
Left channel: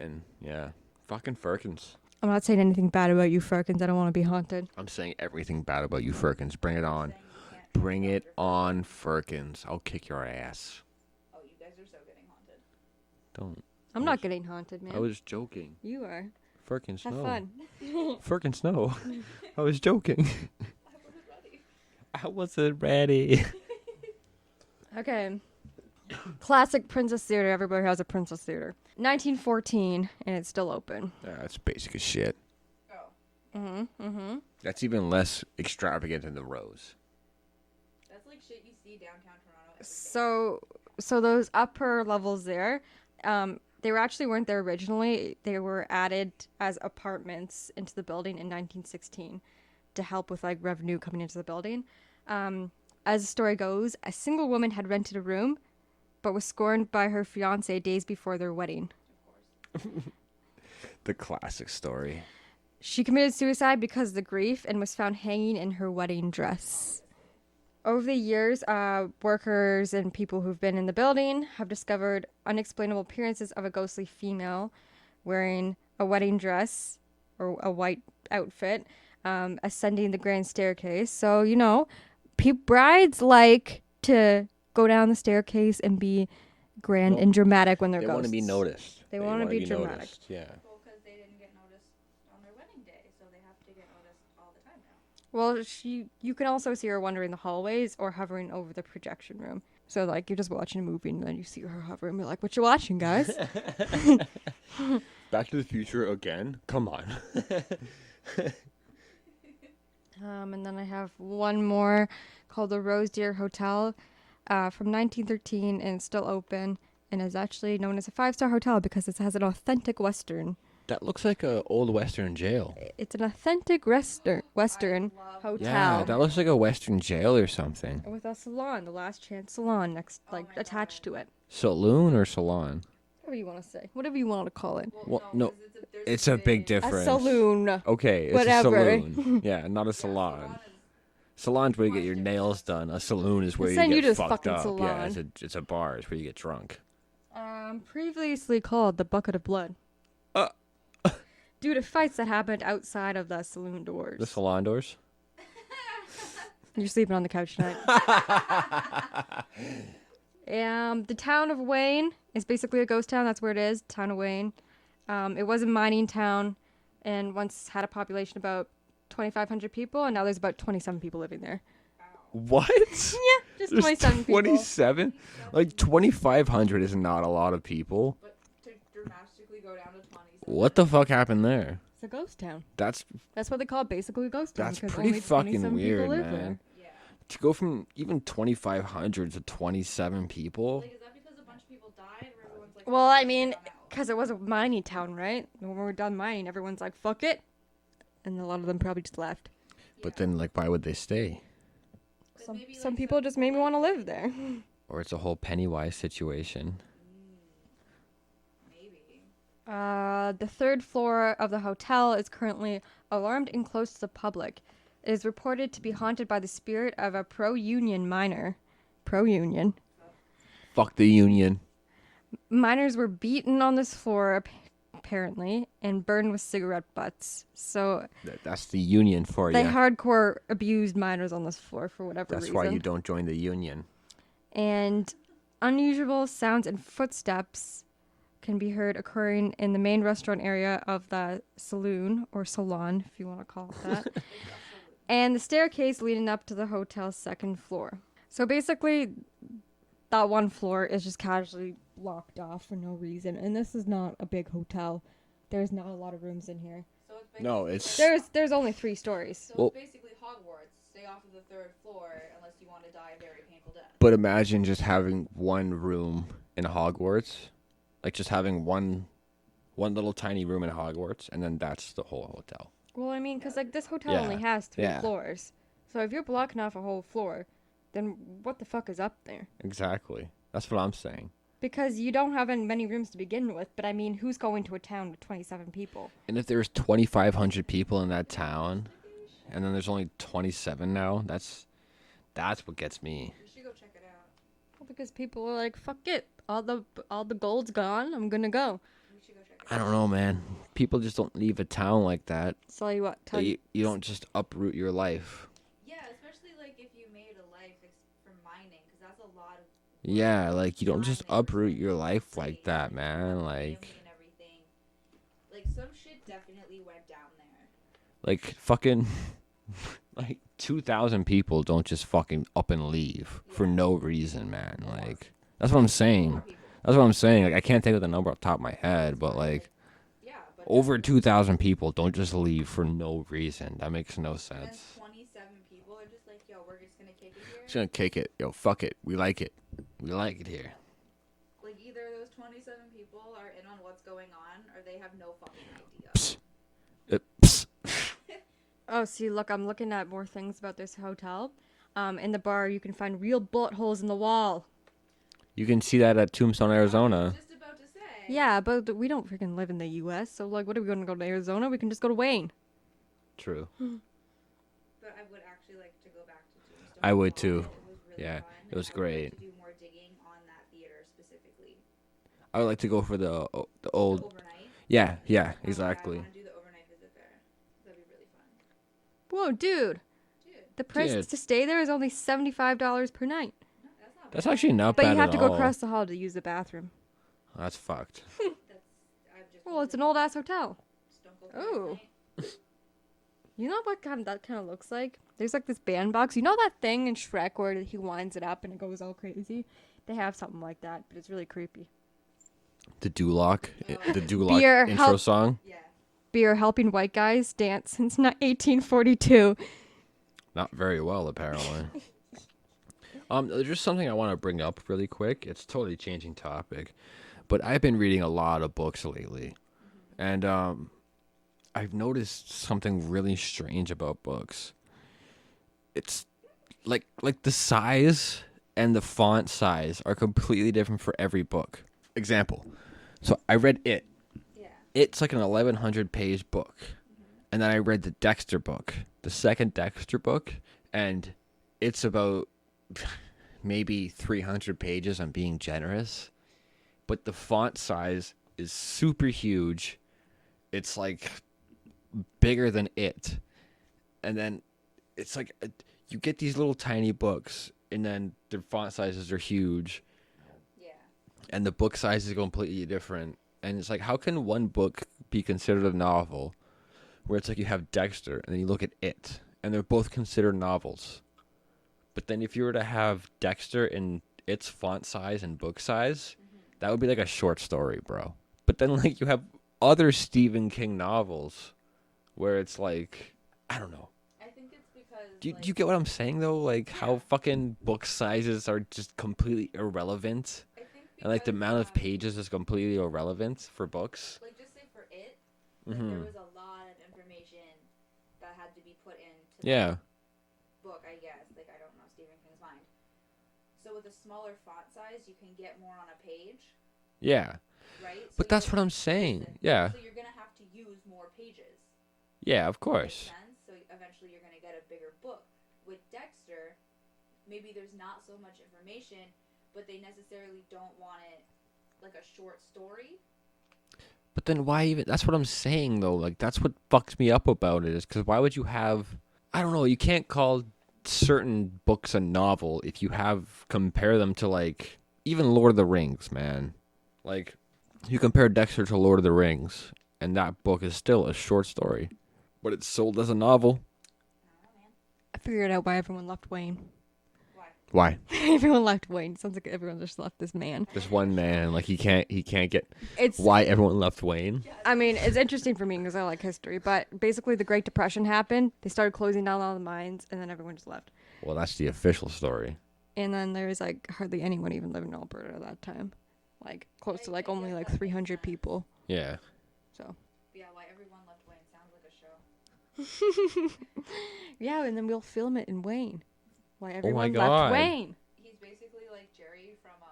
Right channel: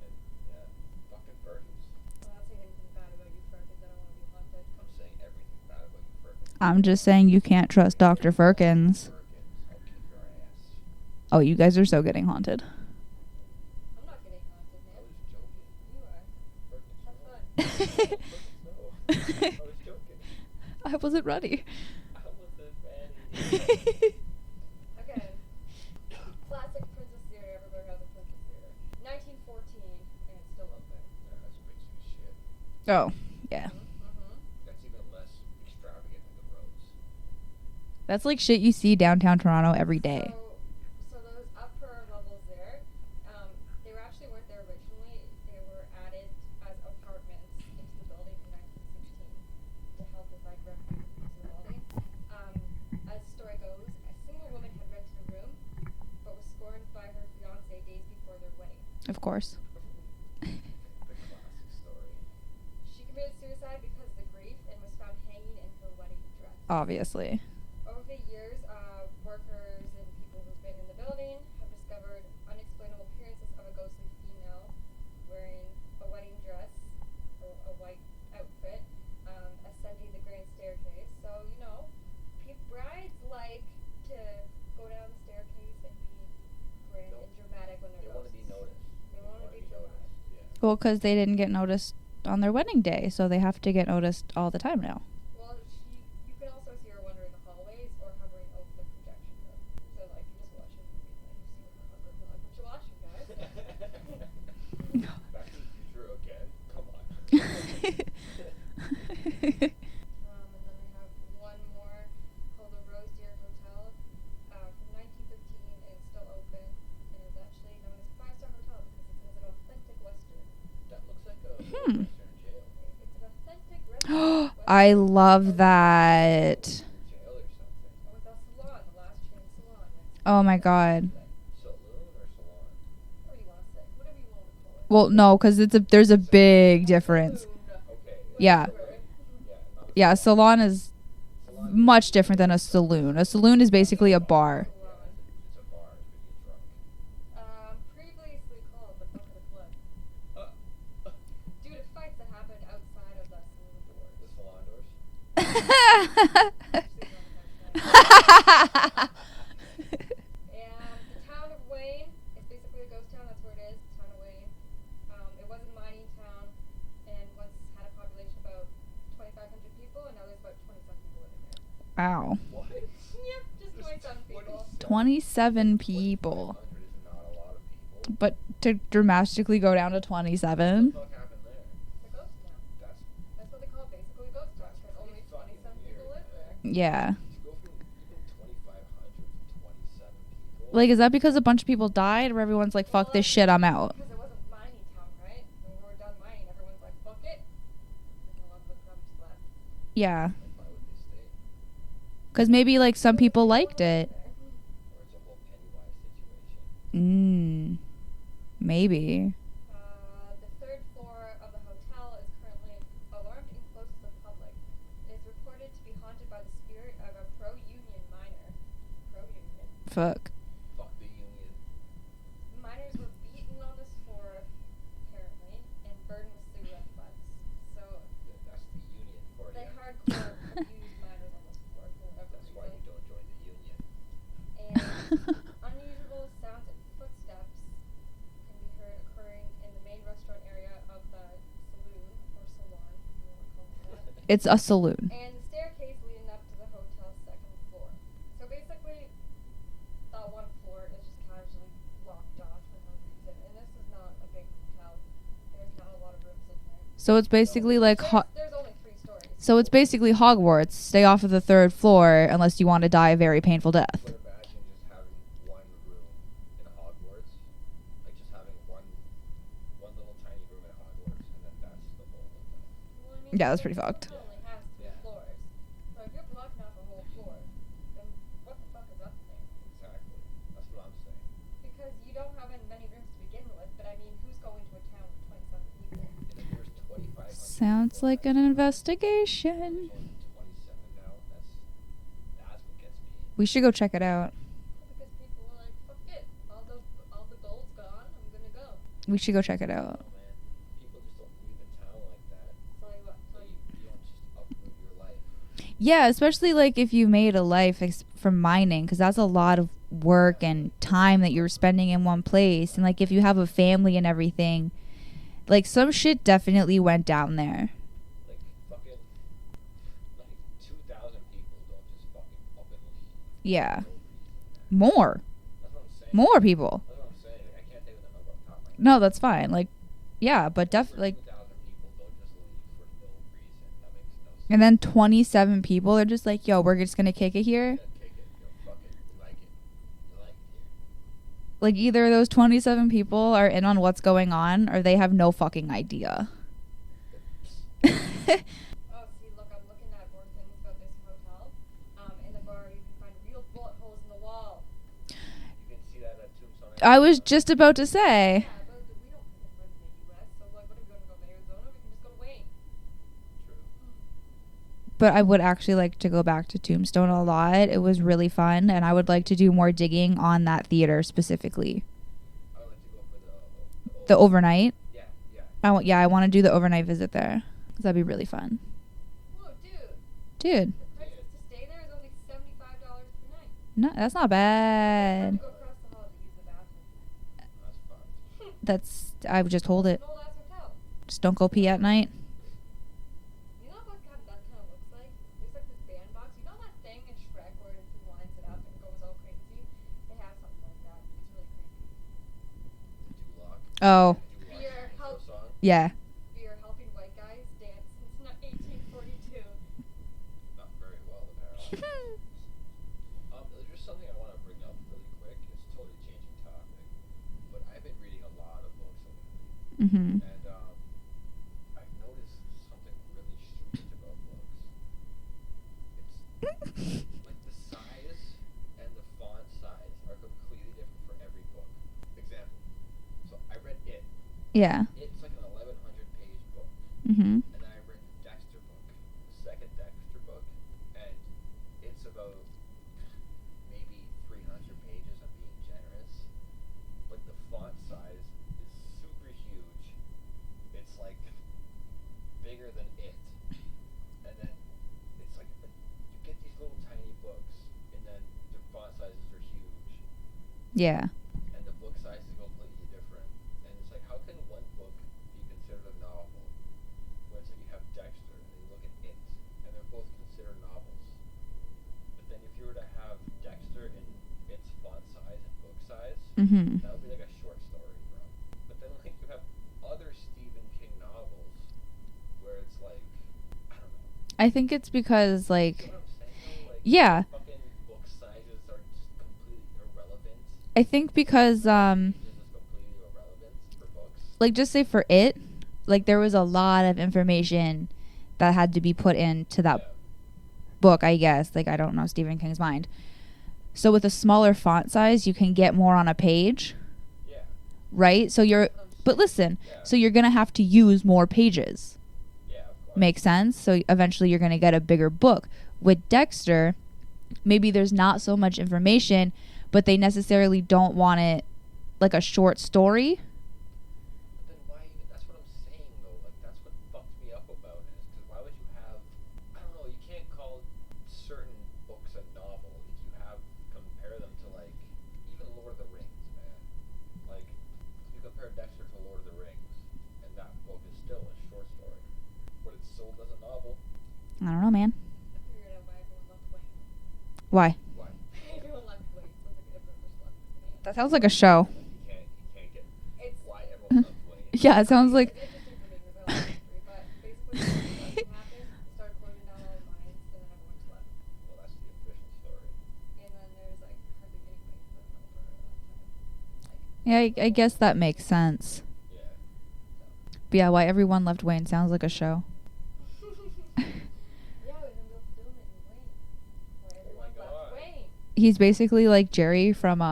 And yeah, fucking Firkins. I'm not saying anything bad about you, Firkins. I don't want to be haunted. I'm saying everything bad about you, Firkins. Bring I'm it just on. saying you can't trust Bring it Dr. on, Firkins. Firkins. I'll kick your ass. Oh, you guys are so getting haunted. Don't. I'm not getting haunted, man. I was joking. You are. Firkins, Have no. fun. Firkins, no. I was joking. I wasn't ready. I wasn't ready. Okay. Classic Princess Theater. Everybody has a Princess Theater. 1914, and it's still open. That's basic as shit. Oh, yeah. Mm-hmm. That's even less extravagant than the Rose. That's like shit you see downtown Toronto every day. So those upper levels there, they weren't there originally. They were added as apartments into the building in 1916 to help with like revenue coming into the building. As the story goes, a single woman had rented a room, but was scorned by her fiancé days before their wedding. Of course. The classic story. She committed suicide because of the grief and was found hanging in her wedding dress. Obviously. Over the years, workers and people who've been in the building have discovered unexplainable appearances of a ghostly female wearing a wedding dress or a white outfit, ascending the grand staircase. So, you know, brides like to go down the staircase and be grand and dramatic when they're They ghosts. want to be noticed. They wanna be dramatic. noticed, Yeah. Well, because they didn't get noticed on their wedding day, so they have to get noticed all the time now. Well, you can also see her wandering the hallways or hovering over the projection room. So, like, you're just watching a movie and then you see her hovering. You're like, what you watching, guys? Back to the Future again? Come on. And then I have one more called the Rose Deer Hotel from 1913, and it's still open and is actually known as a 5-star hotel because it has an authentic Western. That looks like a old Western jail. It's an authentic Western. I love hotel. that. That looks like a Western jail or something. With a salon, the Last Chance Salon next. Oh my attached God. to it. Saloon or salon? Whatever you want to say. Whatever you want to call it. Well, Well, no, no, because there's it's a a big big a difference. saloon. Okay, it's Yeah. a Whatever. saloon. Yeah, not a salon. Yeah, salon is Salon's where you much get your different than a nails done. saloon. A saloon is where you basically get a fucked bar. up. Salon. Yeah, it's a bar. It's where you get drunk. Previously called the Bucket of Blood. Uh. Due to fights that happened outside of the saloon doors. The salon doors? You're sleeping on the couch tonight. The town of Wayne is basically a ghost town. That's where it is, town of Wayne. It was a mining town and once had a population of about 2,500 people, and now there's about 27 people living there. Wow. What? Yeah, just There's 27 people. 27? 27 Like, people. 2,500 is not a lot of people. But to dramatically go down to 27. What the fuck happened there? It's a ghost town. That's That's what they call it, basically a ghost town. That's 'cause pretty only fucking 27 weird, people live man. there. Yeah. to go from even 2,500 to 27 people. Like, is that because a bunch of people died, or everyone's like, fuck Well, this shit, I'm out? Because it was a mining town, right? And when we're done mining, everyone's like, fuck it. And a lot of them probably just left. Yeah. But then, like, why would they stay? Because maybe, like, some people just maybe liked wanna live it. there. Or it's a whole Pennywise situation. Maybe. The third floor of the hotel is currently alarmed and closed to the public. It is reported to be haunted by the spirit of a pro-union miner. Pro-union. Fuck. Fuck the union. Miners were beaten on this floor, apparently, and burned with cigarette butts. So That's the union for they you. hardcore abused miners on this floor for whatever That's reason. why you don't join the union. And unusual sounds and footsteps can be heard occurring in the main restaurant area of the saloon, or salon, if you want to call it that. It's a saloon. And the staircase leading up to the hotel's second floor. So basically, that one floor is just casually locked off for no reason. And this is not a big hotel. There's not a lot of rooms in here. So it's basically it's- like... There's only 3 stories. So it's Well- basically Hogwarts. Stay off of the 3rd floor unless you want to die a very painful death. But imagine just having one room in Hogwarts. Like, just having one little tiny room in Hogwarts, and then that's the whole hotel. Well, I mean, Yeah, 'cause, that's like, pretty this fucked. hotel Yeah. only has 3 Yeah. floors. So if you're blocking off a whole floor, then what the fuck is up there? Exactly. That's what I'm saying. Because you don't have many rooms to begin with, but I mean, who's going to a town with 27 people? And if there's 2,500 Sounds people in like that an town, investigation. and then there's only 27 now, that's what gets me. We should go check it out. Well, because people are like, fuck it, all the gold's gone, I'm gonna go. We should go check it I out. don't know, man. People just don't leave a town like that. Tell you what, You don't just uproot your life. Yeah, especially like if you made a life from mining, because that's a lot of work Yeah, and like, you don't time just that you're uproot spending your in one life like place. that, and like if you man, have a like- family and everything, like some shit definitely went down there. Like, fucking, like, 2,000 people don't just fucking up and leave Yeah. for no reason, man. More. Like, that's what I'm saying. More people. That's what I'm saying. Like, I can't think of the number off the top of my head. No, that's but, fine. Like, yeah, but over definitely. 2,000 people don't just leave for no reason. That makes no sense. And then 27 people are just like, yo, we're just gonna kick it here. Just gonna kick it. Yo, fuck it. We like it. We like it here. Like either those 27 people are in on what's going on, or they have no fucking idea. Psst. Oh, see, look, I'm looking at more things about this hotel. In the bar, you can find real bullet holes in the wall. You can see that at Tombstone, Arizona. I was just about to say. Yeah, but we don't freaking live in the U.S., so, like, what are we going to go to Arizona? We can just go to Wayne. True. But I would actually like to go back to Tombstone I a would too. lot. It was really Yeah, fun, it and was I would like great. to do more digging on that theater specifically. I would like to go for the old. The overnight. Yeah, yeah. I exactly. want to do the overnight visit there. 'Cause that'd be really fun. Whoa, dude. Dude, The price Dude. to stay there is only $75 per night. no, that's not bad. That's actually not But bad you at have to go all. across the hall to use the bathroom. That's fucked. I would just Well, hold it's it. an old-ass hotel. Just don't go pee at Oh. night. You know what that kind of looks like? There's, like, this bandbox. You know that thing in Shrek where he winds it up and it goes all crazy? They have something like that, but it's really creepy. The Duloc. Oh. The Duloc Beer, intro help. song. Yeah. Beer helping white guys dance since 1842. Not very well, apparently. There's just something I want to bring up really quick. It's totally changing topic, but I've been reading a lot of books lately, Mm-hmm. and I've noticed something really strange about books. It's like the size and the font size are completely different for every book. Example. So I read It. Yeah. It's like an 1,100 page book. Mm-hmm. And then I read the Dexter book, the second Dexter book, and it's about maybe 300 pages. I'm being generous. But the font size is super huge. It's like bigger than It. And then it's like you get these little tiny books, and then their font sizes are huge. Yeah. And the book size is completely different. And it's like, how can one book be considered a novel where it's like you have Dexter and then you look at It, and they're both considered novels. But then if you were to have Dexter in its font size and book size, that would be like a short story, bro. But then like you have other Stephen King novels where it's like, I don't know. I think it's because Do you get what I'm saying though? Like, Yeah. how fucking book sizes are just completely irrelevant. I think And, because like, the amount of pages is completely irrelevant for books. like just say for It, like there was a lot of information that had to be put into that book, I guess. Like, I don't know Stephen King's mind. So with a smaller font size, you can get more on a page, Yeah. right? So But you're that's what I'm saying. But listen, Yeah. so you're going to have to use more pages. Yeah, of course. Makes sense? So eventually you're going to get a bigger book. With Dexter, maybe there's not so much information, but they necessarily don't want it like a short story. But then why even? That's what I'm saying though. Like, that's what fucks me up about it, is because why would you have? I don't know. You can't call certain books a novel if you compare them to like even Lord of the Rings, man. Like, you compare Dexter to Lord of the Rings, and that book is still a short story, but it's sold as a novel. I don't know, man. I figured out why everyone left Wayne. Why? Why? Everyone left Wayne. Sounds like everyone just left this man. That Just sounds like a one show. man, like he can't get. It's Why everyone left Wayne? Yeah, it sounds I mean, like it's interesting for me because I like history. But basically, the Great Depression happened. They started closing down all the mines, and then everyone just left. Well, that's the official story. And then there was like hardly anyone even living in Alberta at that time. Like, Yeah, close to, like, I only, guess like, that makes 300 sense. people. Yeah. So. But yeah, why everyone left Wayne sounds like a show. Yeah, and then we'll film it in Wayne. Why my everyone God. left Wayne. He's basically like Jerry from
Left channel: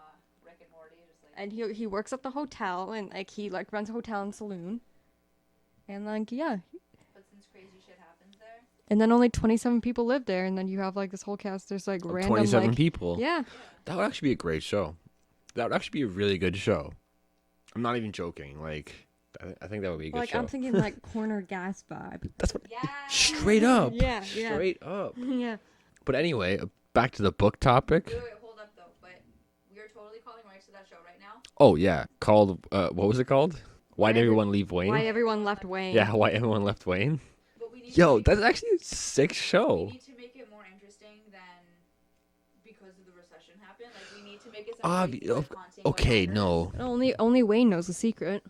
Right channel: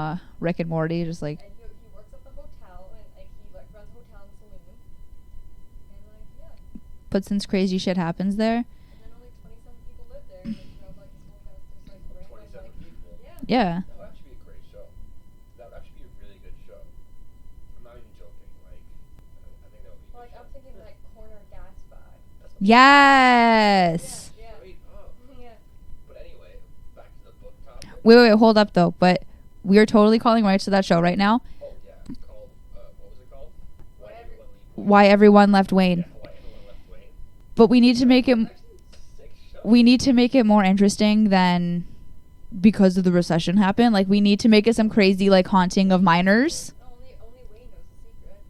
Rick and Morty, just like And he works at the hotel, and like he like runs a hotel and saloon. And like yeah. but since crazy shit happens there. And then only 27 people live there, and then you have like this whole cast. There's like random 27 like people. yeah. Yeah. That would actually be a great show. That would actually be a really good show. I'm not even joking. Like, I think that would be a good Like show. I'm thinking like corner gas vibe. That's what. Yes. Yeah, yeah. Straight up. Yeah. But anyway, back to the book topic. Wait, hold up though. But we are totally calling rights to that show right now. Oh yeah, called. What was it called? Why did everyone leave Wayne? Why everyone left Wayne. Yeah, why everyone left Wayne? But we need to make that's it. actually a sick show. We need to make it more interesting than because of the recession happened. Like we need to make it some crazy like haunting of okay, miners. no. Only Wayne knows the secret.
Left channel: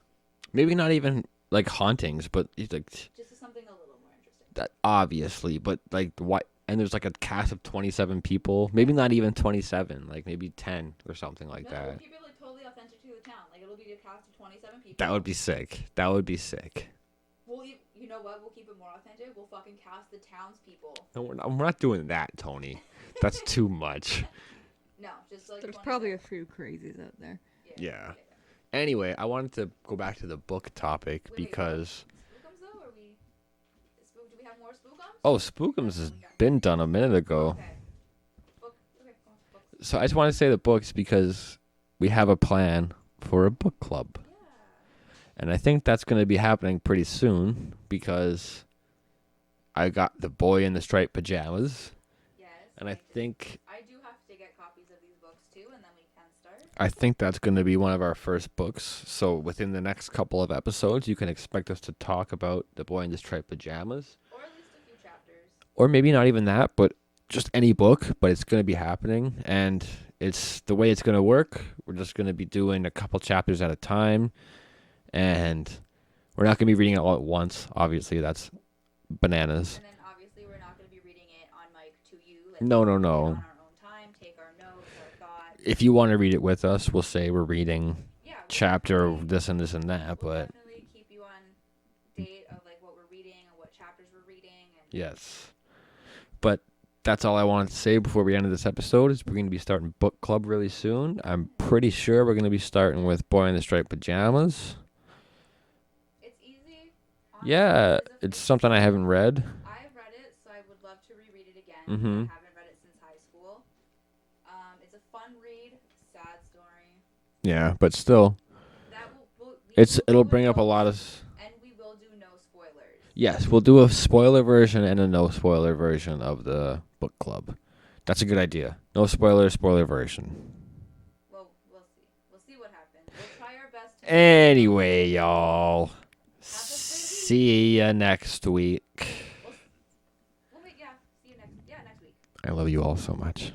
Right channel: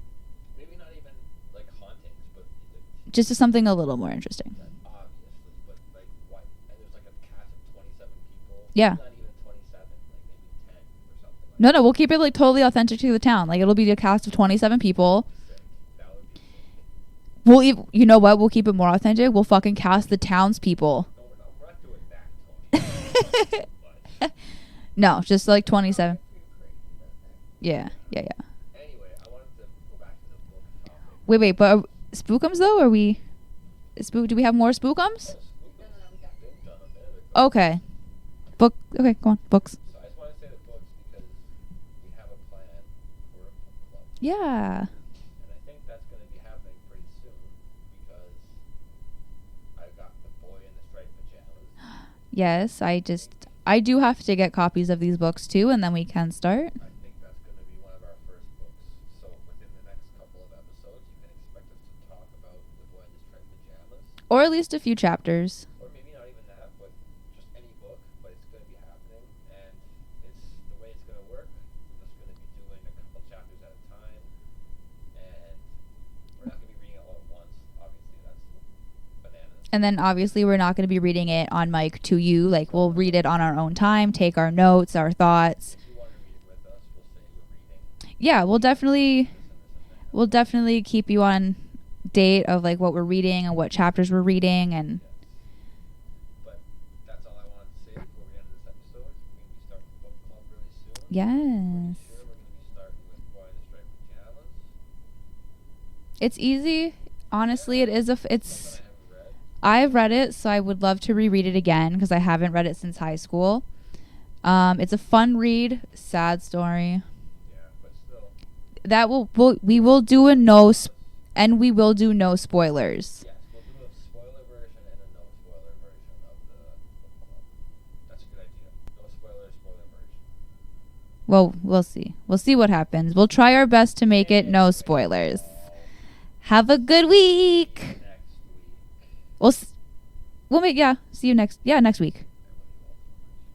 Maybe not even like hauntings, but it's like Just something a little more interesting. that obviously. But like why? And there's like a cast of 27 people. Maybe Yeah. not even 27. Like maybe 10 or something like No, that. we'll keep it like totally authentic to the town. Like it'll be a cast of 27 people. That would be sick. That would be sick. You know what? We'll keep it more authentic. We'll fucking cast the townspeople. No, we're not doing that, Tony. That's too much. No, just like There's probably 27. a few crazies out there. Yeah. Yeah. Anyway, I wanted to go back to the book topic. Wait, but because- Spookums though? Are we? Do we have more Spookums? Oh, Spookums has been done a minute ago. Okay. Okay, go on. Books. So I just want to say the books because we have a plan for a book club. Yeah. And I think that's going to be happening pretty soon because I got The Boy in the Striped Pajamas. Yes, I think do have to get copies of these books too, and then we can start. I think that's going to be one of our first books. So within the next couple of episodes, you can expect us to talk about The Boy in the Striped Pajamas. Or at least a few chapters. Or maybe not even that, but just any book, but it's going to be happening. And it's the way it's going to work. We're just going to be doing a couple chapters at a time. And we're not going to be reading it all at once. Obviously, that's bananas. And then obviously we're not going to be reading it on mic to you. Like No, we'll no, read it no. on our own time, take our notes, our thoughts. If you want to read it with us, we'll say we're reading Yeah, we'll chapter definitely this and this and that. we'll but definitely keep you on date of like what we're reading and what chapters we're reading and Yes. But that's all I wanted to say before we ended this episode is we're going to be starting book club really soon. I'm pretty Yes. sure we're going to be starting with Boy in the Striped Pajamas. it's easy. Honestly, yeah, it is it's something I haven't read. I've read it, so I would love to reread it again because I Mhm. haven't read it since high school. It's a fun read, sad story. Yeah, but still. That we will it'll do a bring up no lot of and we will do no spoilers. Yes, we'll do a spoiler version and a no spoiler version of the book club. That's a good idea. No spoiler version. Well, we'll see. We'll see what happens. We'll try our best to make it no spoilers. Y'all. Have a good week. See ya next week. We'll see you next week. I love you all so much.